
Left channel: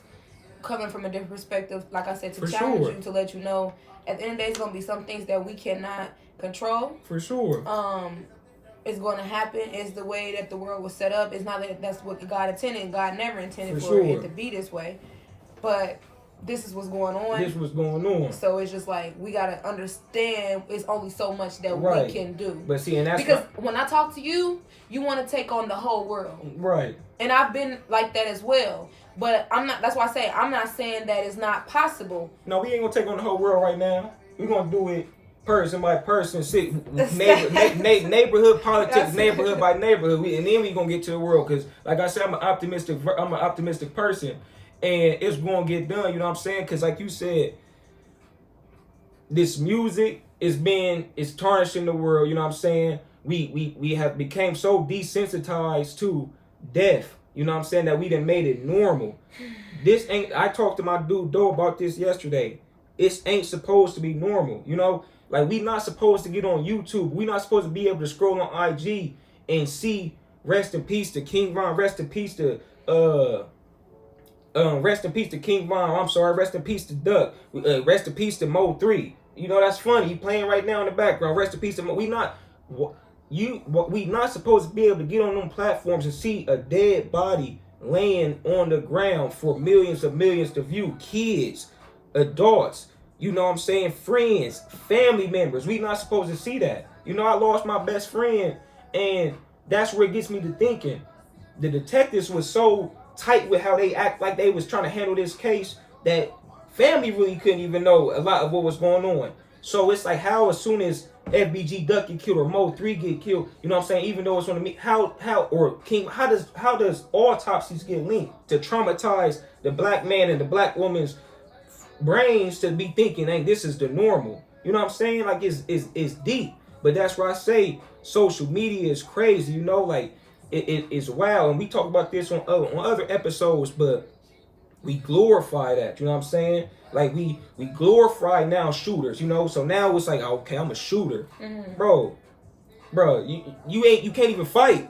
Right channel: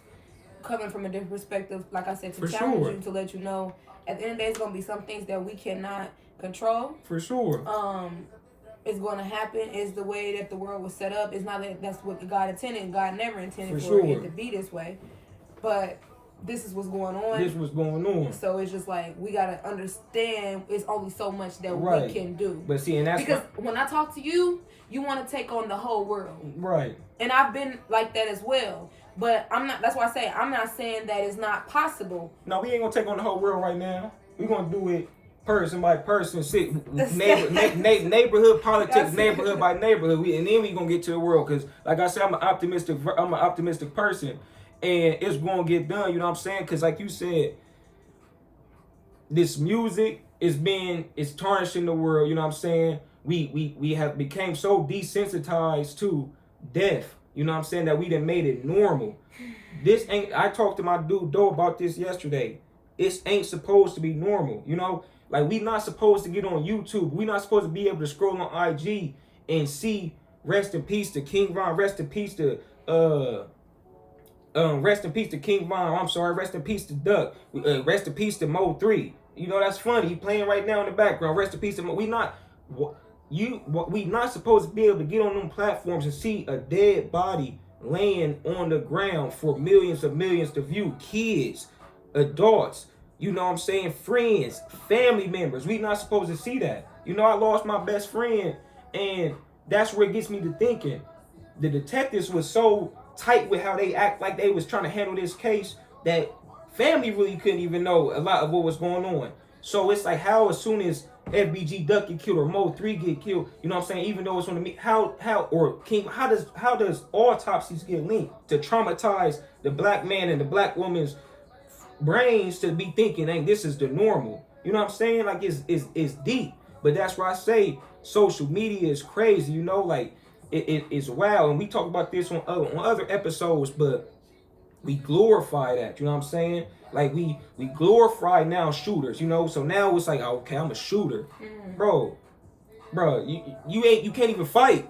coming from a different perspective, like I said, to challenge you, to let you know at the end of the day, it's going to be some things that we cannot control. For sure. It's going to happen. It's the way that the world was set up. It's not that that's what God intended. God never intended for it to be this way. But this is what's going on. This was going on. So it's just like, we got to understand it's only so much that we can do. But see, and that's because when I talk to you, you want to take on the whole world. Right. And I've been like that as well. But I'm not. That's why I say I'm not saying that it's not possible. No, we ain't gonna take on the whole world right now. We're gonna do it person by person, neighborhood politics, neighborhood by neighborhood, and then we gonna get to the world. Cause like I said, I'm an optimistic person, and it's gonna get done. You know what I'm saying? Cause like you said, this music is tarnishing the world. You know what I'm saying? We have became so desensitized to death. You know what I'm saying, that we done made it normal. This ain't. I talked to my dude Doe about this yesterday. It ain't supposed to be normal. You know, like we not supposed to get on YouTube. We not supposed to be able to scroll on IG and see rest in peace to King Von, rest in peace to rest in peace to King Von. I'm sorry, rest in peace to Duck. Rest in peace to Mo 3. You know, that's funny. He playing right now in the background. Rest in peace to Mo. We not supposed to be able to get on them platforms and see a dead body laying on the ground for millions to view. Kids, adults, you know what I'm saying, friends, family members. We not supposed to see that. You know, I lost my best friend, and that's where it gets me to thinking. The detectives was so tight with how they act, like they was trying to handle this case, that family really couldn't even know a lot of what was going on. So it's like, how as soon as FBG Duck get killed or Mo 3 get killed, you know what I'm saying, even though it's on the how does autopsies get linked to traumatize the black man and the black woman's brains to be thinking, hey, this is the normal. You know what I'm saying? Like it's deep. But that's why I say social media is crazy, you know, like it's wild. And we talk about this on other episodes, but we glorify that, you know what I'm saying? Like we glorify now shooters, you know. So now it's like, okay, I'm a shooter. Bro, you can't even fight.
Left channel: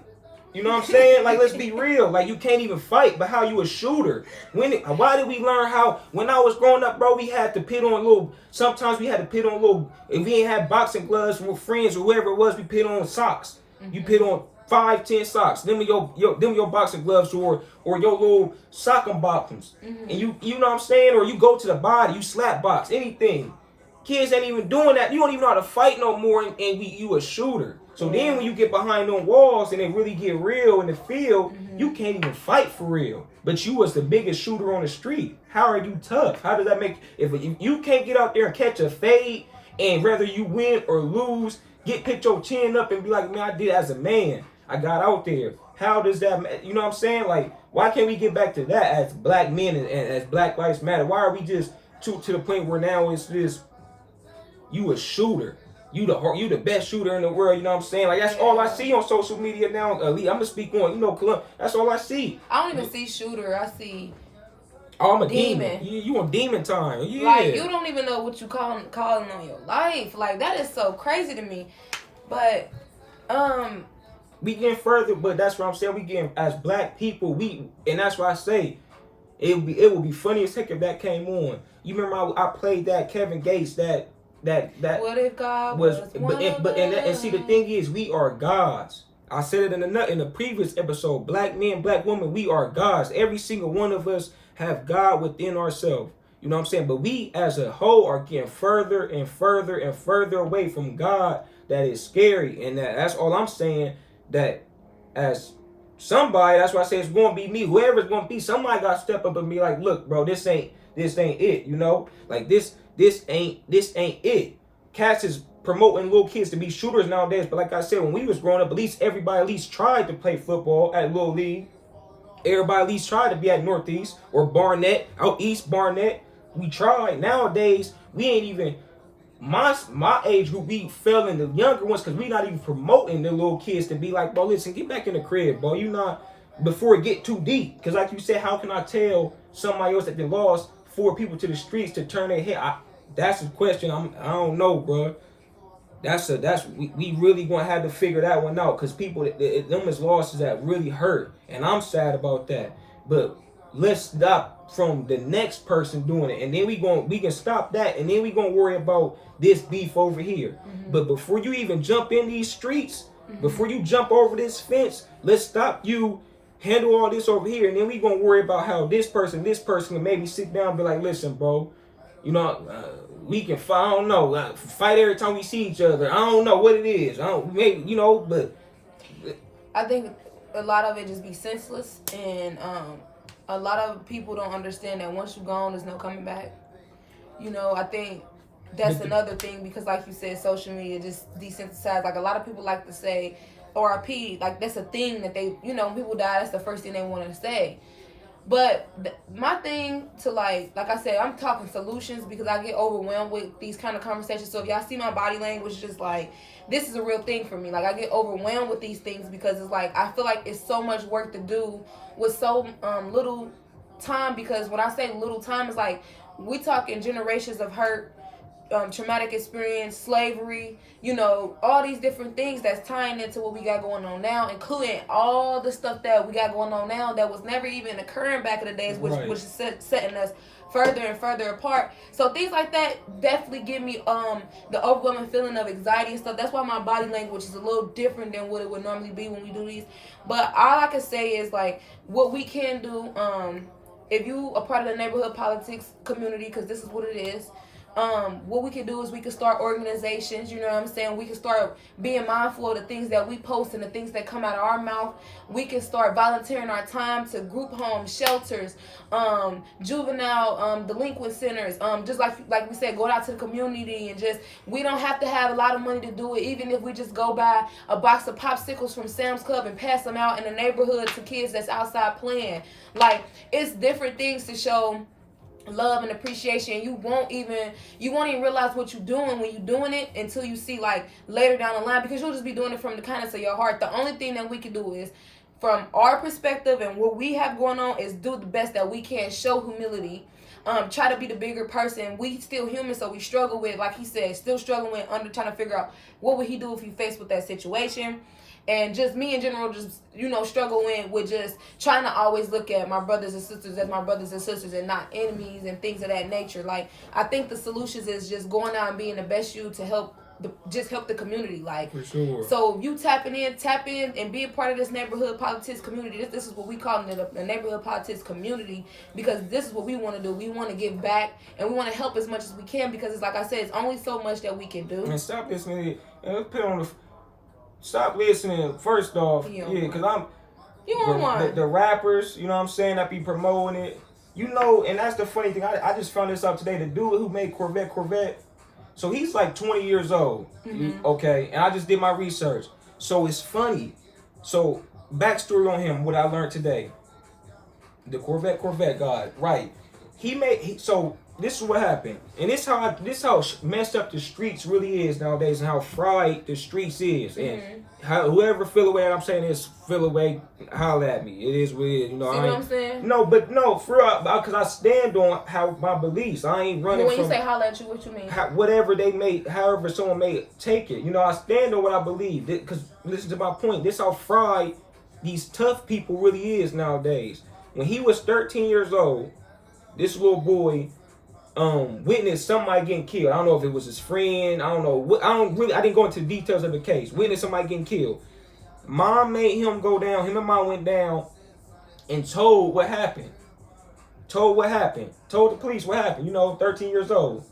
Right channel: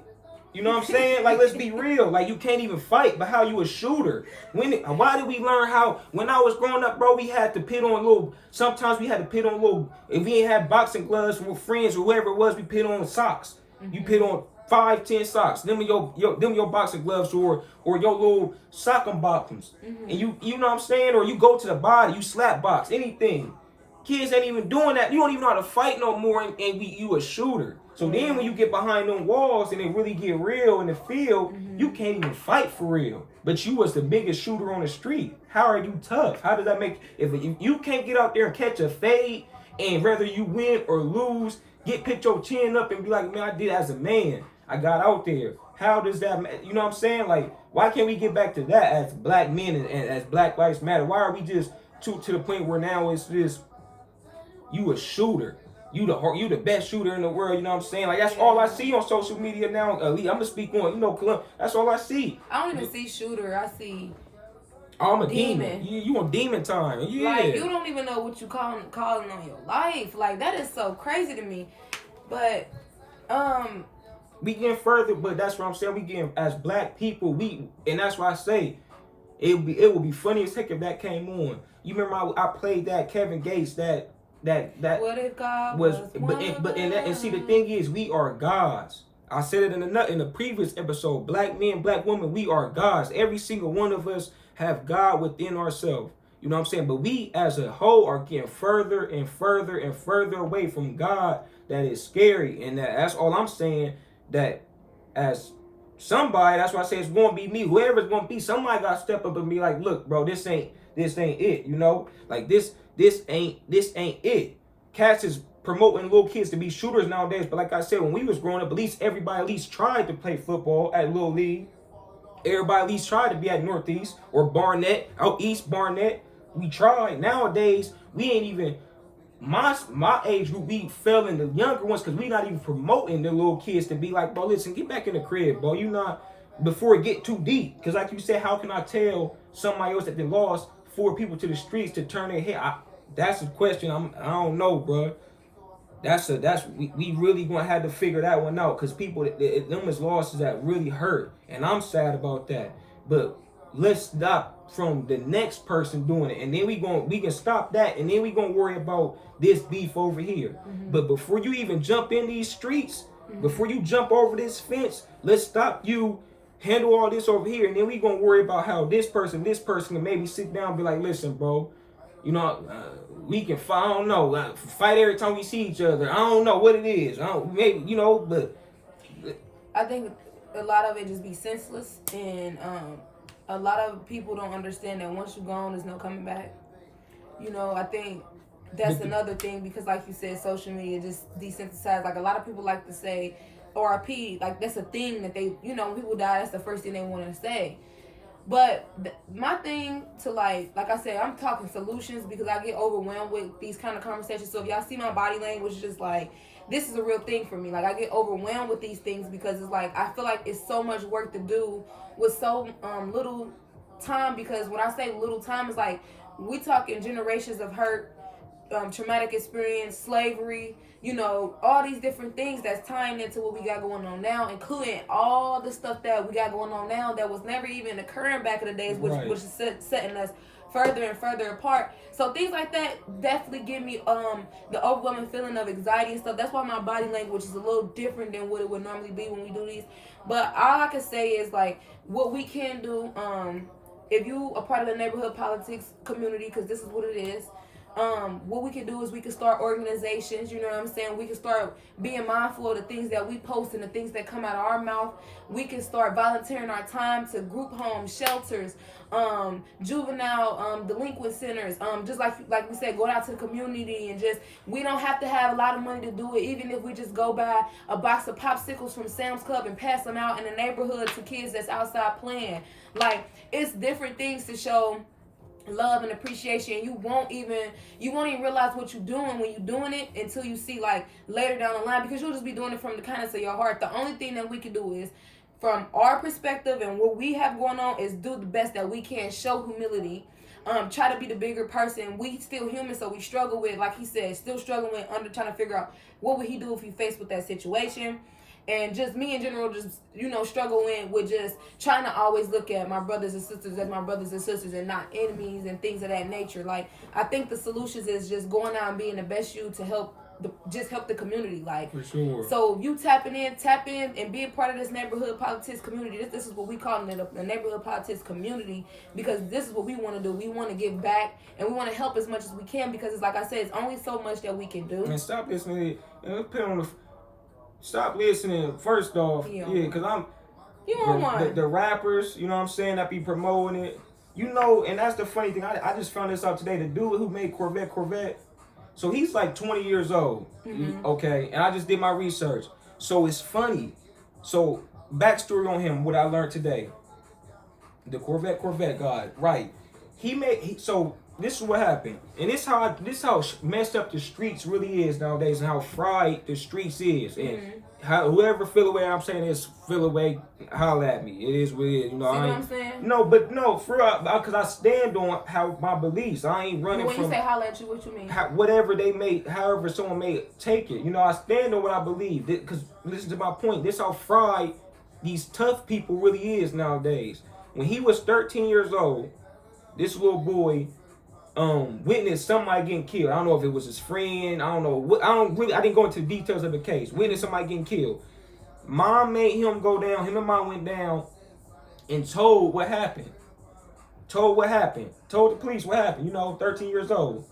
You know what I'm saying? Like, let's be real. Like, you can't even fight, but how you a shooter? Why did we learn how, when I was growing up, bro, we had to put on sometimes we had to put on if we ain't had boxing gloves with friends or whoever it was, we put on socks. You put on 5-10 socks. Them your boxing gloves or your little soccer bottoms. And you know what I'm saying? Or you go to the body, you slap box, anything. Kids ain't even doing that. You don't even know how to fight no more, and you a shooter. So then when you get behind them walls and it really get real in the field, you can't even fight for real. But you was the biggest shooter on the street. How are you tough? How does that make, if you can't get out there and catch a fade, and whether you win or lose, pick your chin up and be like, man, I did as a man. I got out there. How does that, you know what I'm saying? Like, why can't we get back to that as black men and as Black Lives Matter? Why are we just to the point where now it's just, you a shooter. You the best shooter in the world, you know what I'm saying? Like, that's all I see on social media now. I'm gonna speak on, you know, that's all I see. I don't even see shooter. I see I'm a demon. You on demon time. Yeah. Like, you don't even know what you calling on your life. Like, that is so crazy to me. But we getting further, but that's what I'm saying. We getting, as black people, and that's why I say it would be funny as heck if that came on. You remember I played that Kevin Gates that what if God was and see, the thing is, we are gods. I said it in the previous episode. Black men, black women, we are gods. Every single one of us have God within ourselves. You know what I'm saying? But we as a whole are getting further and further and further away from God. That is scary. And that's all I'm saying. That as somebody, that's why I say it's going to be me. Whoever's going to be, somebody got to step up and be like, look, bro, this ain't it. You know, like this ain't it. Cats is promoting little kids to be shooters nowadays. But like I said, when we was growing up, everybody at least tried to play football at Little League. Everybody at least tried to be at Northeast or Barnett, out East Barnett. We tried. Nowadays, we ain't even, my age group, we fell in the younger ones because we not even promoting the little kids to be like, bro, listen, get back in the crib, bro. You not, before it get too deep. Because like you said, how can I tell somebody else that they lost 4 people to the streets to turn their head? That's a question. I don't know, bro. We really gonna have to figure that one out, because people, them is losses that really hurt, and I'm sad about that. But let's stop from the next person doing it, and then we can stop that, and then we gonna worry about this beef over here. But before you even jump in these streets, before you jump over this fence, let's stop you. Handle all this over here, and then we gonna worry about how this person can maybe sit down and be like, listen, bro, you know, we can fight. I don't know, fight every time we see each other. I don't know what it is. Maybe, you know, but I think a lot of it just be senseless, and a lot of people don't understand that once you're gone, there's no coming back. You know, I think that's another thing, because like you said, social media just desensitized. Like a lot of people like to say RIP, like that's a thing that they, you know, when people die, that's the first thing they want to say. But my thing to like I said, I'm talking solutions because I get overwhelmed with these kind of conversations. So if y'all see my body language, just like, this is a real thing for me. Like I get overwhelmed with these things because it's like I feel like it's so much work to do with so little time. Because when I say little time, it's like we talking generations of hurt, traumatic experience, slavery, you know, all these different things that's tying into what we got going on now, including all the stuff that we got going on now that was never even occurring back in the days, which is setting us further and further apart. So things like that definitely give me the overwhelming feeling of anxiety and stuff. That's why my body language is a little different than what it would normally be when we do these. But all I can say is like what we can do, if you are part of the neighborhood politics community, because this is what it is. What we can do is we can start organizations, you know what I'm saying? We can start being mindful of the things that we post and the things that come out of our mouth. We can start volunteering our time to group homes, shelters, juvenile delinquent centers. Just like we said, go out to the community and just, we don't have to have a lot of money to do it. Even if we just go buy a box of popsicles from Sam's Club and pass them out in the neighborhood to kids that's outside playing. Like, it's different things to show love and appreciation. You won't even realize what you're doing when you're doing it until you see like later down the line, because you'll just be doing it from the kindness of your heart. The only thing that we can do is, from our perspective and what we have going on, is do the best that we can, show humility, try to be the bigger person. We still human, so we struggle with, like he said, still struggling with trying to figure out what would he do if he faced with that situation. And just me in general, just, you know, struggling with just trying to always look at my brothers and sisters as my brothers and sisters and not enemies and things of that nature. Like, I think the solutions is just going out and being the best you to help the community. Like, for sure. So you tap in and be a part of this neighborhood politics community. This is what we call it, the neighborhood politics community, because this is what we want to do. We want to give back and we want to help as much as we can, because it's like I said, it's only so much that we can do. And stop listening. Stop listening, first off, because the rappers, you know what I'm saying, that be promoting it, you know. And that's the funny thing, I just found this out today. The dude who made Corvette, so he's like 20 years old, okay, and I just did my research. So it's funny. So backstory on him, what I learned today, the Corvette guy, right? So this is what happened, and this how messed up the streets really is nowadays, and how fried the streets is, and how whoever feel away, I'm saying is feel away, holler at me. It is what it is, you know. See what I'm saying? No, but no, for real, because I stand on how my beliefs. I ain't running when from. When you say holler at you, what you mean? Whatever they may, however someone may take it, you know. I stand on what I believe. Because listen to my point. This how fried these tough people really is nowadays. When he was 13 years old, this little boy witnessed somebody getting killed. I don't know if it was his friend. I don't know what. I didn't go into the details of the case. Witnessed somebody getting killed. Mom made him go down. Him and mom went down and told what happened. Told the police what happened. You know, 13 years old.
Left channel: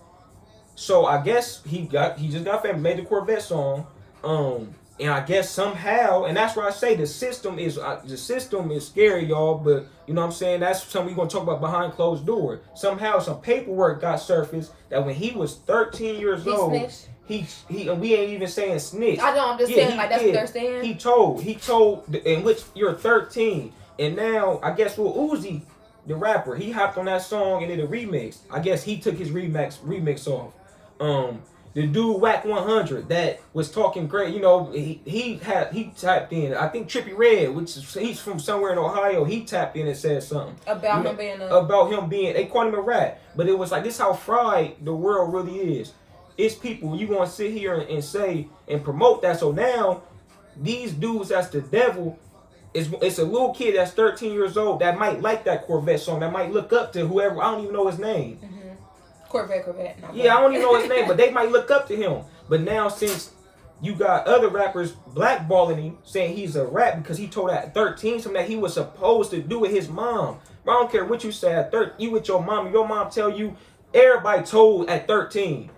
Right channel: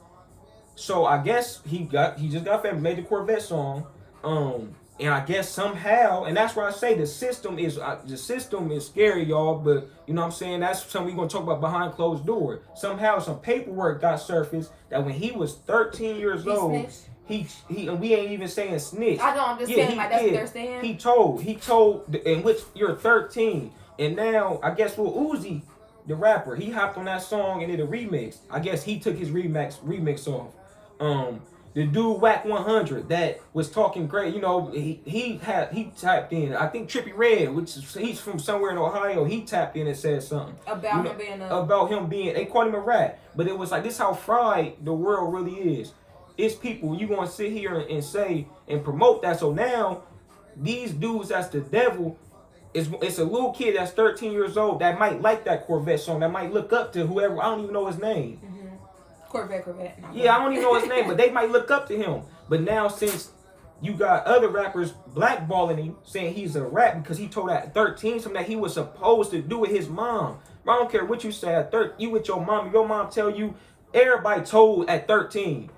So I guess he just got famous. Made the Corvette song. And I guess somehow, and that's why I say the system is scary, y'all. But you know what I'm saying, that's something we're gonna talk about behind closed door. Somehow some paperwork got surfaced that when he was 13 years old, snitched. he we ain't even saying snitch. I know, I'm just saying, like, that's what they're saying. He told, in which you're 13, and now I guess Lil Uzi, the rapper, he hopped on that song and did a remix. I guess he took his remix off. The dude Whack 100 that was talking great, you know, he tapped in. I think Trippie Redd, he's from somewhere in Ohio, he tapped in and said something about him being. They called him a rat, but it was like, this how fried the world really is. It's people you gonna sit here and say and promote that. So now these dudes, that's the devil. It's a little kid that's 13 years old that might like that Corvette song, that might look up to whoever. I don't even know his name. Corvette. Yeah, I don't even know his name, but they might look up to him. But now, since you got other rappers blackballing him, saying he's a rat because he told at 13 something that he was supposed to do with his mom. I don't care what you say at 13. You with your mom tell you, everybody told at 13.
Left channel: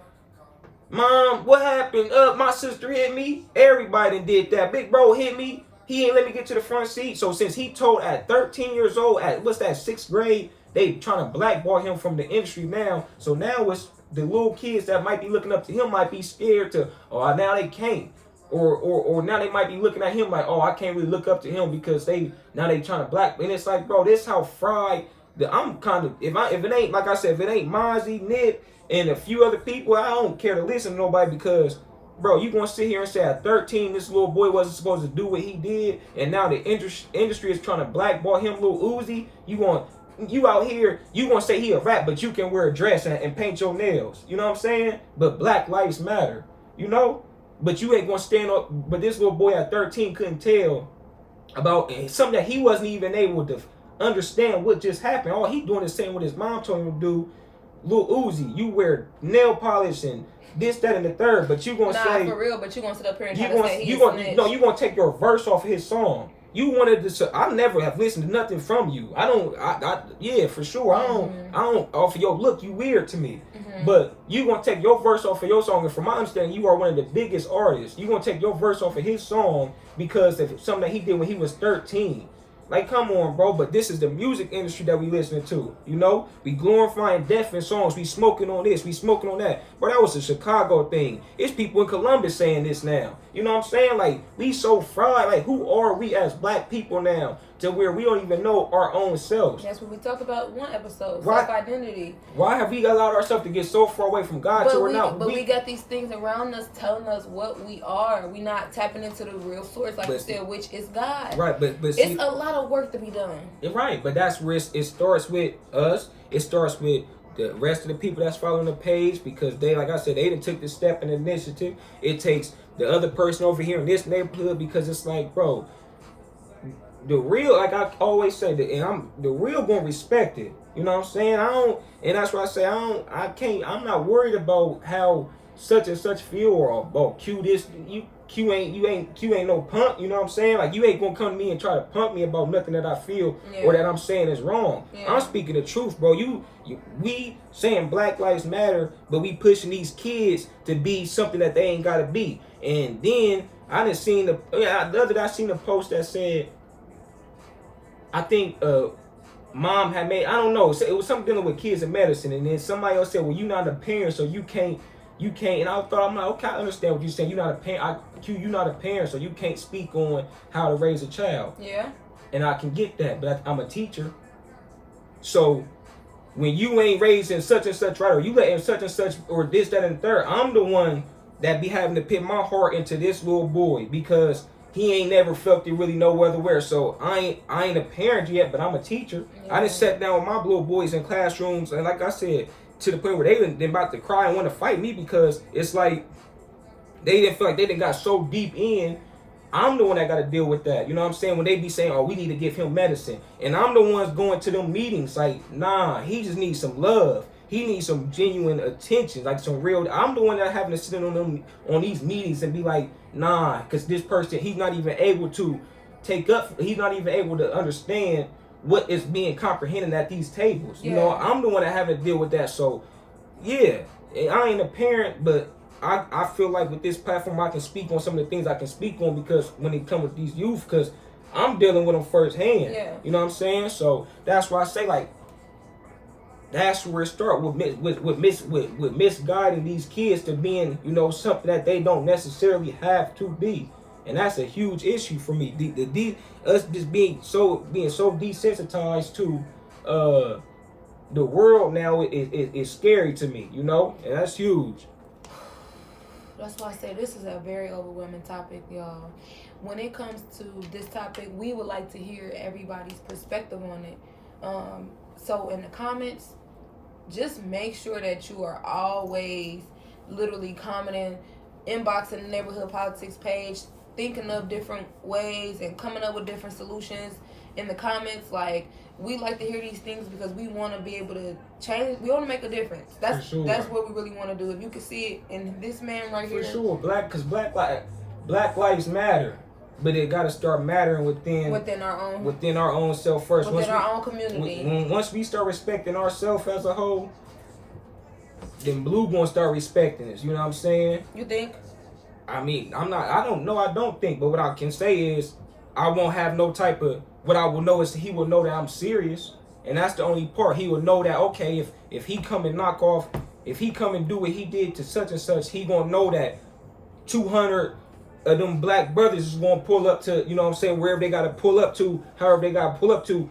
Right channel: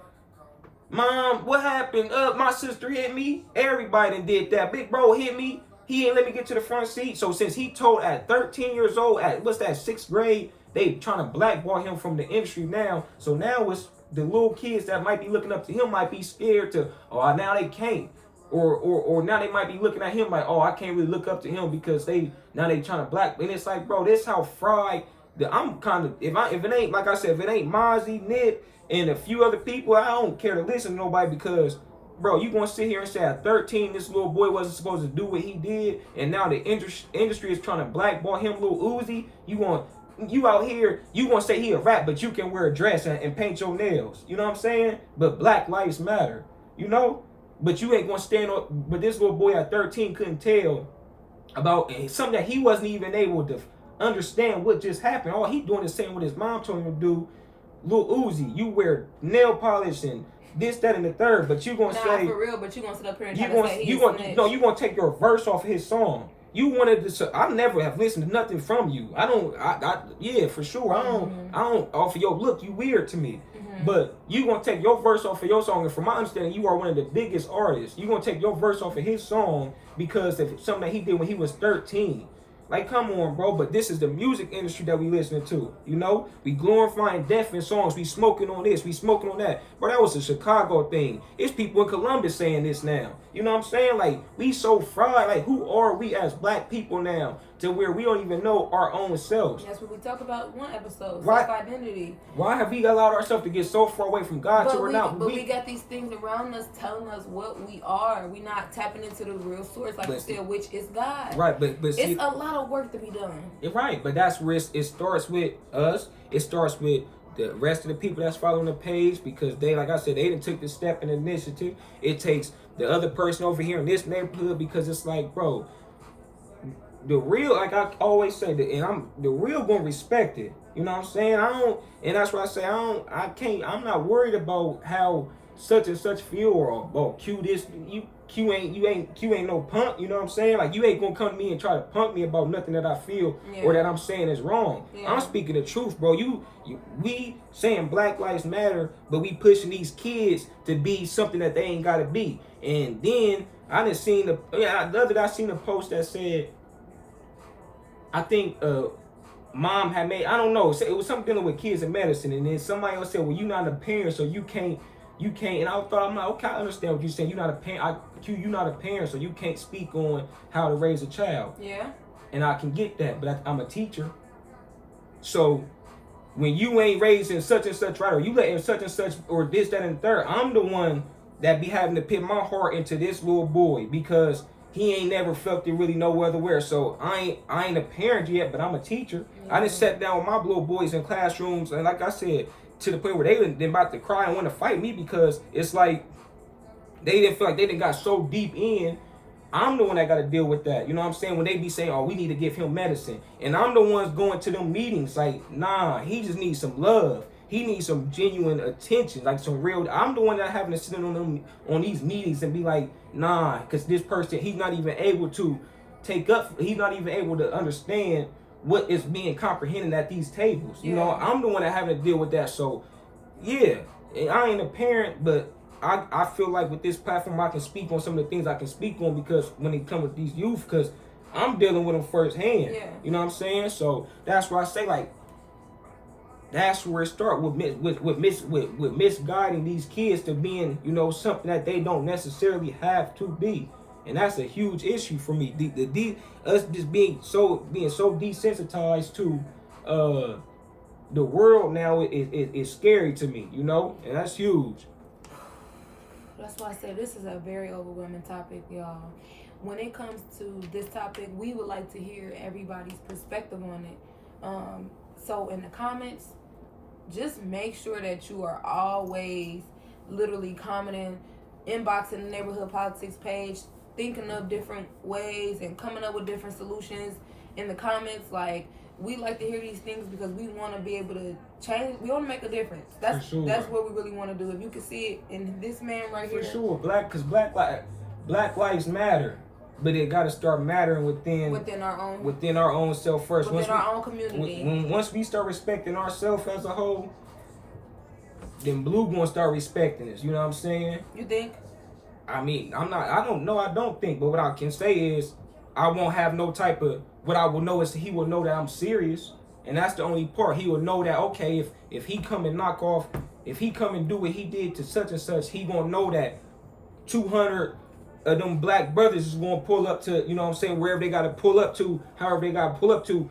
Mom, what happened? My sister hit me. Everybody done did that. Big bro hit me. He ain't let me get to the front seat. So since he told at 13 years old, at what's that, 6th grade, they trying to blackball him from the industry now. So now it's the little kids that might be looking up to him might be scared to, oh, now they can't. Or now they might be looking at him like, oh, I can't really look up to him because they trying to black. And it's like, bro, this how fried I'm kind of, if it ain't, like I said, if it ain't Mozzie, Nip, and a few other people, I don't care to listen to nobody because, bro, you gonna sit here and say at 13 this little boy wasn't supposed to do what he did, and now the industry is trying to blackball him, Lil Uzi. You out here, you gonna say he a rap, but you can wear a dress and paint your nails. You know what I'm saying? But Black Lives Matter, you know? But you ain't gonna stand up. But this little boy at 13 couldn't tell about something that he wasn't even able to understand what just happened. All he doing is saying what his mom told him to do. Lil Uzi, you wear nail polish and this, that, and the third, but you gonna say for real. But you gonna sit up here and you gonna take your verse off of his song. You wanted to. I never have listened to nothing from you. Yeah, for sure. I don't. Off of your look, you weird to me. But you gonna take your verse off of your song, and from my understanding, you are one of the biggest artists. You gonna take your verse off of his song because of something that he did when he was 13. Like, come on, bro. But this is the music industry that we listening to. You know, we glorifying death in songs. We smoking on this. We smoking on that. Bro, that was a Chicago thing. It's people in Columbus saying this now. You know what I'm saying? Like, we so fried. Like, who are we as black people now to where we don't even know our own selves? That's what we talked about one episode. Right. Self-identity. Why have we allowed ourselves to get so far away from God to where now? But we got these things around us telling us what we are. We not tapping into the real source, like you said, which is God. Right, but it's a lot of work to be done. Right, but that's where it starts with us. It starts with the rest of the people that's following the page because they, like I said, they done took the step and initiative. It takes the other person over here in this neighborhood because it's like, bro, the real, like I always say, the real gonna respect it. You know what I'm saying? And that's why I say I'm not worried about how such and such feel or about Q this, Q ain't no punk, you know what I'm saying? Like, you ain't gonna come to me and try to punk me about nothing that I feel or that I'm saying is wrong. Yeah. I'm speaking the truth, bro. We saying Black Lives Matter, but we pushing these kids to be something that they ain't gotta be. And then I seen a post that said, I think mom had made, I don't know, it was something dealing with kids in medicine, and then somebody else said, well, you're not a parent, so you can't, and I thought, I'm like, okay, I understand what you're saying. You're not a parent. You're not a parent, so you can't speak on how to raise a child. Yeah. And I can get that, but I'm a teacher. So when you ain't raising such and such, right, or you letting such and such, or this, that, and the third, I'm the one that be having to put my heart into this little boy because he ain't never felt it really no other where. So I ain't a parent yet, but I'm a teacher. Yeah. I just sat down with my little boys in classrooms, and like I said, to the point where they been about to cry and want to fight me because it's like they didn't feel like they didn't got so deep in. I'm the one that got to deal with that. You know what I'm saying? When they be saying, oh, we need to give him medicine. And I'm the ones going to them meetings like, nah, he just needs some love. He needs some genuine attention, like some real. I'm the one that having to sit on these meetings and be like, nah, because this person, he's not even able to he's not even able to understand what is being comprehended at these tables. You know, I'm the one that having to deal with that. So, yeah, I ain't a parent, but I feel like with this platform, I can speak on some of the things I can speak on because when it comes with these youth, because I'm dealing with them firsthand. Yeah. You know what I'm saying? So that's why I say, like, that's where it starts with misguiding these kids to being, you know, something that they don't necessarily have to be. And that's a huge issue for me. Us just being so desensitized to the world now is scary to me, you know, and that's huge. That's why I say this is a very overwhelming topic, y'all. When it comes to this topic, we would like to hear everybody's perspective on it. So in the comments, just make sure that you are always literally commenting, inboxing the Neighborhood Politics page, thinking of different ways and coming up with different solutions in the comments. Like, we like to hear these things because we want to be able to change. We want to make a difference. That's what we really want to do. If you can see it in this man right here. For sure, Black Lives Matter, but it got to start mattering within our own self first. Within our own community. Once we start respecting ourselves as a whole, then Blue gonna start respecting us. You know what I'm saying? You think? I mean, I don't think, but what I can say is I won't have no type of, what I will know is he will know that I'm serious. And that's the only part. He will know that, okay, if he come and knock off if he come and do what he did to such and such, he gonna know that 200 of them black brothers is gonna pull up to, you know what I'm saying, wherever they gotta pull up to, however they gotta pull up to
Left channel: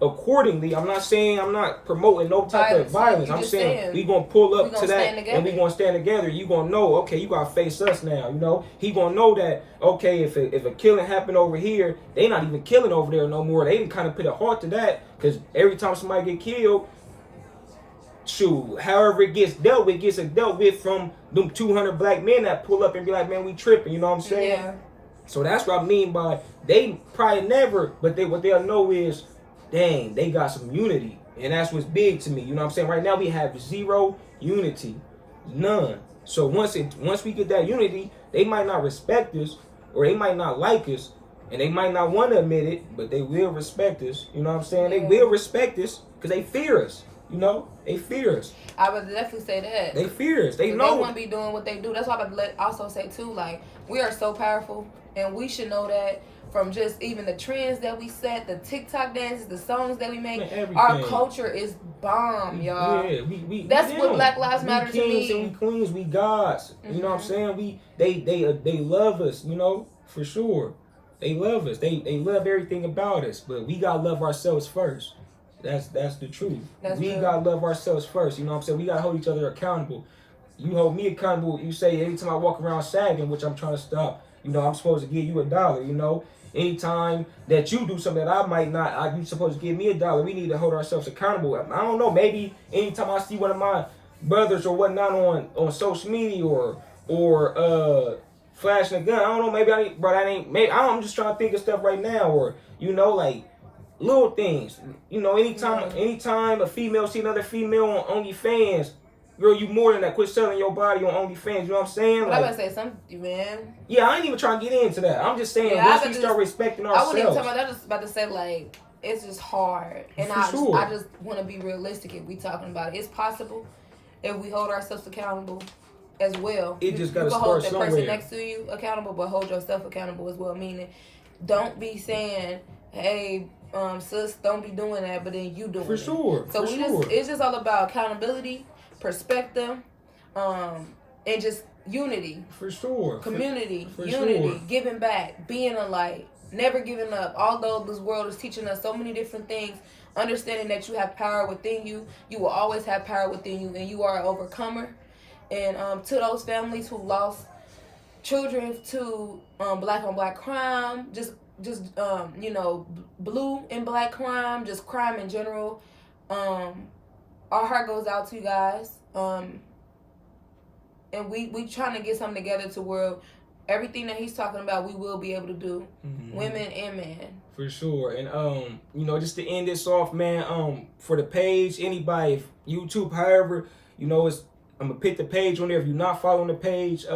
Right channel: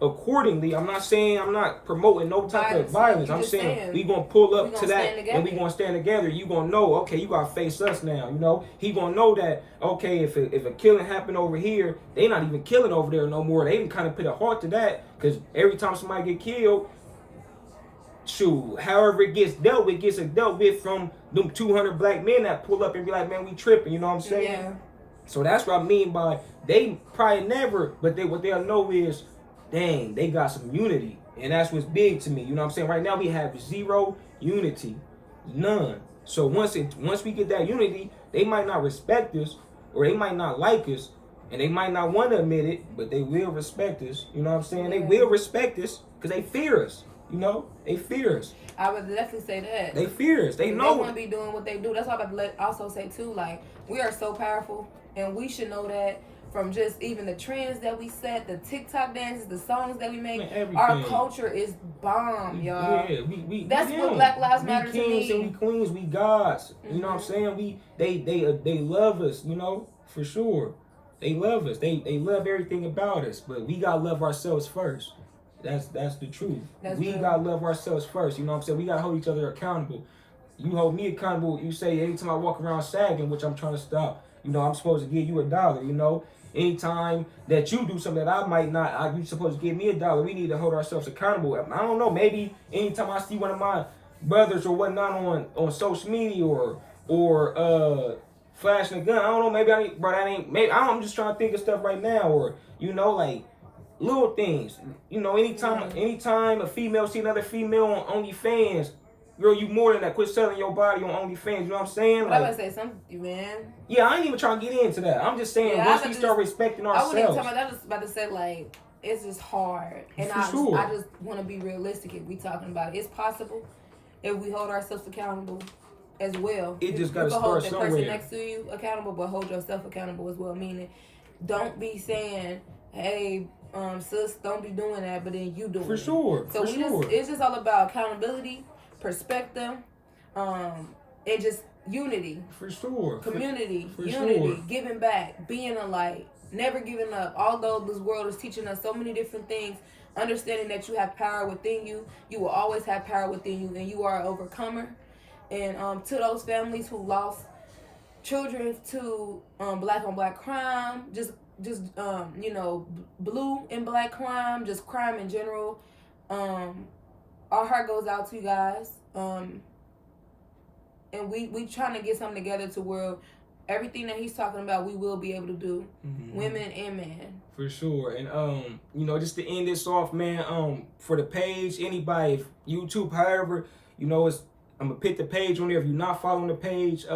accordingly. I'm not promoting no type of violence. I'm saying we gonna pull up to that and we gonna stand together. You gonna know, okay, you gotta face us now. You know, he gonna know that, okay, if a killing happened over here, they not even killing over there no more. They even kind of put a halt to that, because every time somebody get killed, shoot, however it gets dealt with from them 200 black men that pull up and be like, man, we tripping. You know what I'm saying? Yeah. So that's what I mean by they probably never, but what they'll know is, dang, they got some unity. And that's what's big to me. You know what I'm saying? Right now we have zero unity. None. So once we get that unity, they might not respect us, or they might not like us, and they might not want to admit it, but they will respect us. You know what I'm saying? Yeah. They will respect us because they fear us. You know? They fear us. I would definitely say that. They fear us. They know. They want to be doing what they do. That's why I would also say too, like, we are so powerful, and we should know that. From just even the trends that we set, the TikTok dances, the songs that we make, our culture is bomb, y'all. Yeah, we that's what Black Lives Matter to me. We kings and we queens, we gods. You know what I'm saying? They love us, you know, for sure. They love us. They love everything about us, but we gotta love ourselves first. That's the truth. We gotta love ourselves first. You know what I'm saying? We gotta hold each other accountable. You hold me accountable. You say anytime I walk around sagging, which I'm trying to stop. You know, I'm supposed to give you $1. You know. Anytime that you do something that I might not, you're supposed to give me $1. We need to hold ourselves accountable. I don't know, maybe anytime I see one of my brothers or whatnot on social media or flashing a gun, I don't know, maybe I'm just trying to think of stuff right now, or, you know, like little things. You know, anytime a female see another female on OnlyFans, girl, you more than that. Quit selling your body on OnlyFans. You know what I'm saying? Like, I was about to say something, man. Yeah, I ain't even trying to get into that. I'm just saying, once we start respecting ourselves. I wouldn't even talk about that. I was just about to say, like, it's just hard. And I just want to be realistic if we talking about it. It's possible if we hold ourselves accountable as well. It just got to start somewhere. Hold the person next to you accountable, but hold yourself accountable as well. Meaning, don't be saying, hey, sis, don't be doing that, but then you doing it. For sure. So it's just all about accountability, perspective, and just unity. For sure. Community, for unity, sure. Giving back, being a light, never giving up. Although this world is teaching us so many different things, understanding that you have power within you, you will always have power within you, and you are an overcomer. And to those families who lost children to black on black crime, just you know, blue and black crime, just crime in general, our heart goes out to you guys. And we trying to get something together to where everything that he's talking about, we will be able to do, women and men. For sure. And you know, just to end this off, man, for the page, anybody, if YouTube, however, you know, I'm gonna put the page on there. If you're not following the page,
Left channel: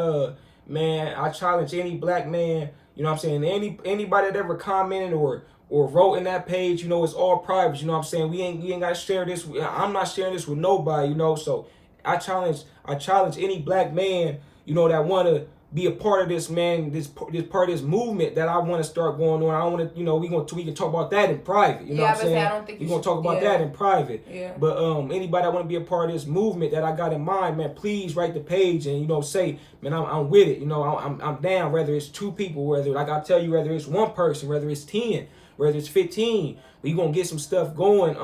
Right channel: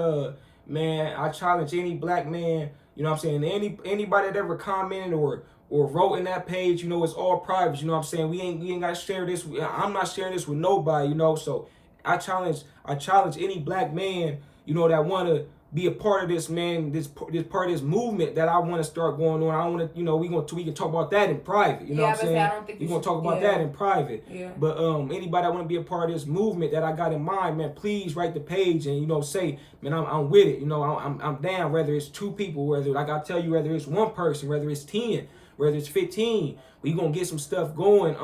man, I challenge any black man, you know what I'm saying, anybody that ever commented or wrote in that page, you know, it's all private, you know what I'm saying? We ain't gotta share this. I'm not sharing this with nobody, you know. So I challenge any black man, you know, that wanna be a part of this, man, this part of this movement that I want to start going on. I want to, you know, we can talk about that in private. You know what I'm saying? We're gonna talk about that in private. Yeah. But anybody that want to be a part of this movement that I got in mind, man, please write the page and, you know, say, man, I'm with it. You know, I'm down. Whether it's 2 people, whether, like I tell you, whether it's 1 person, whether it's 10, whether it's 15, we gonna get some stuff going.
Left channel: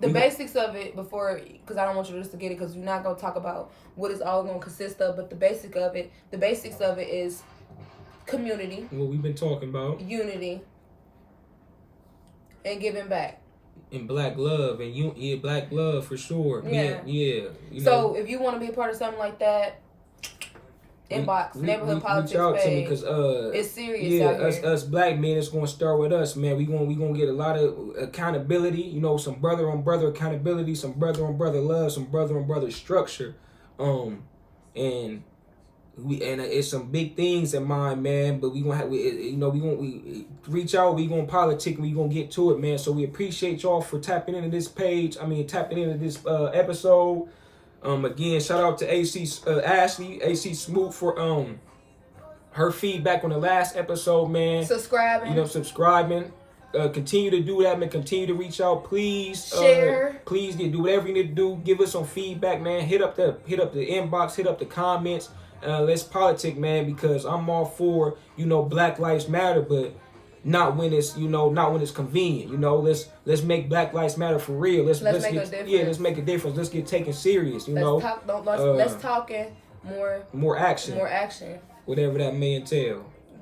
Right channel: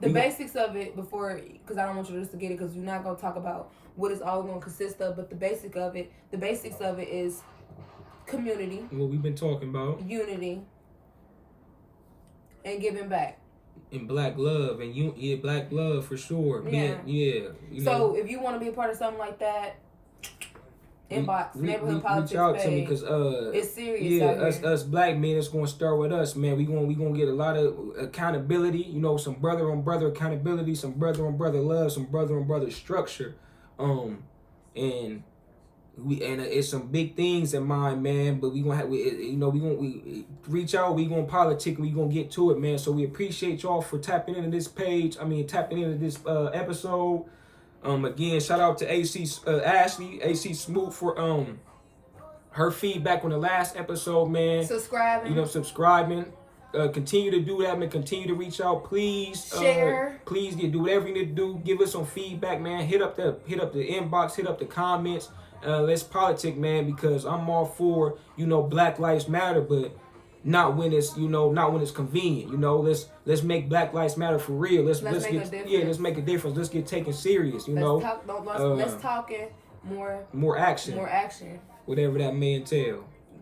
The basics of it before, because I don't want you to just forget it, because you're not gonna talk about what it's all gonna consist of. But the basics of it is community. What we've been talking about. Unity. And giving back. And black love and black love for sure. Yeah. You so know, if you want to be a part of something like that, inbox NeighborHOOD Politics reach out page. to me, because it's serious. Yeah, us black men, it's gonna start with us, man. We gonna get a lot of accountability. You know, some brother on brother accountability, some brother on brother love, some brother on brother structure. And it's some big things in mind, man. But we reach out. We gonna politic. We gonna get to it, man. So we appreciate y'all for tapping into this page. Tapping into this episode. Again, shout out to AC Smoot for her feedback on the last episode, man. Subscribing. You know, subscribing. continue to do that, man. Continue to reach out, please. Share. Please do whatever you need to do. Give us some feedback, man. Hit up the inbox. Hit up the comments. Let's politic, man, because I'm all for, you know, Black Lives Matter, but not when it's, you know, not when it's convenient. You know, let's make Black Lives Matter for real. Let's make get, a difference. yeah, let's make a difference. Let's get taken serious. Let's talk and more action. action. Whatever that may entail.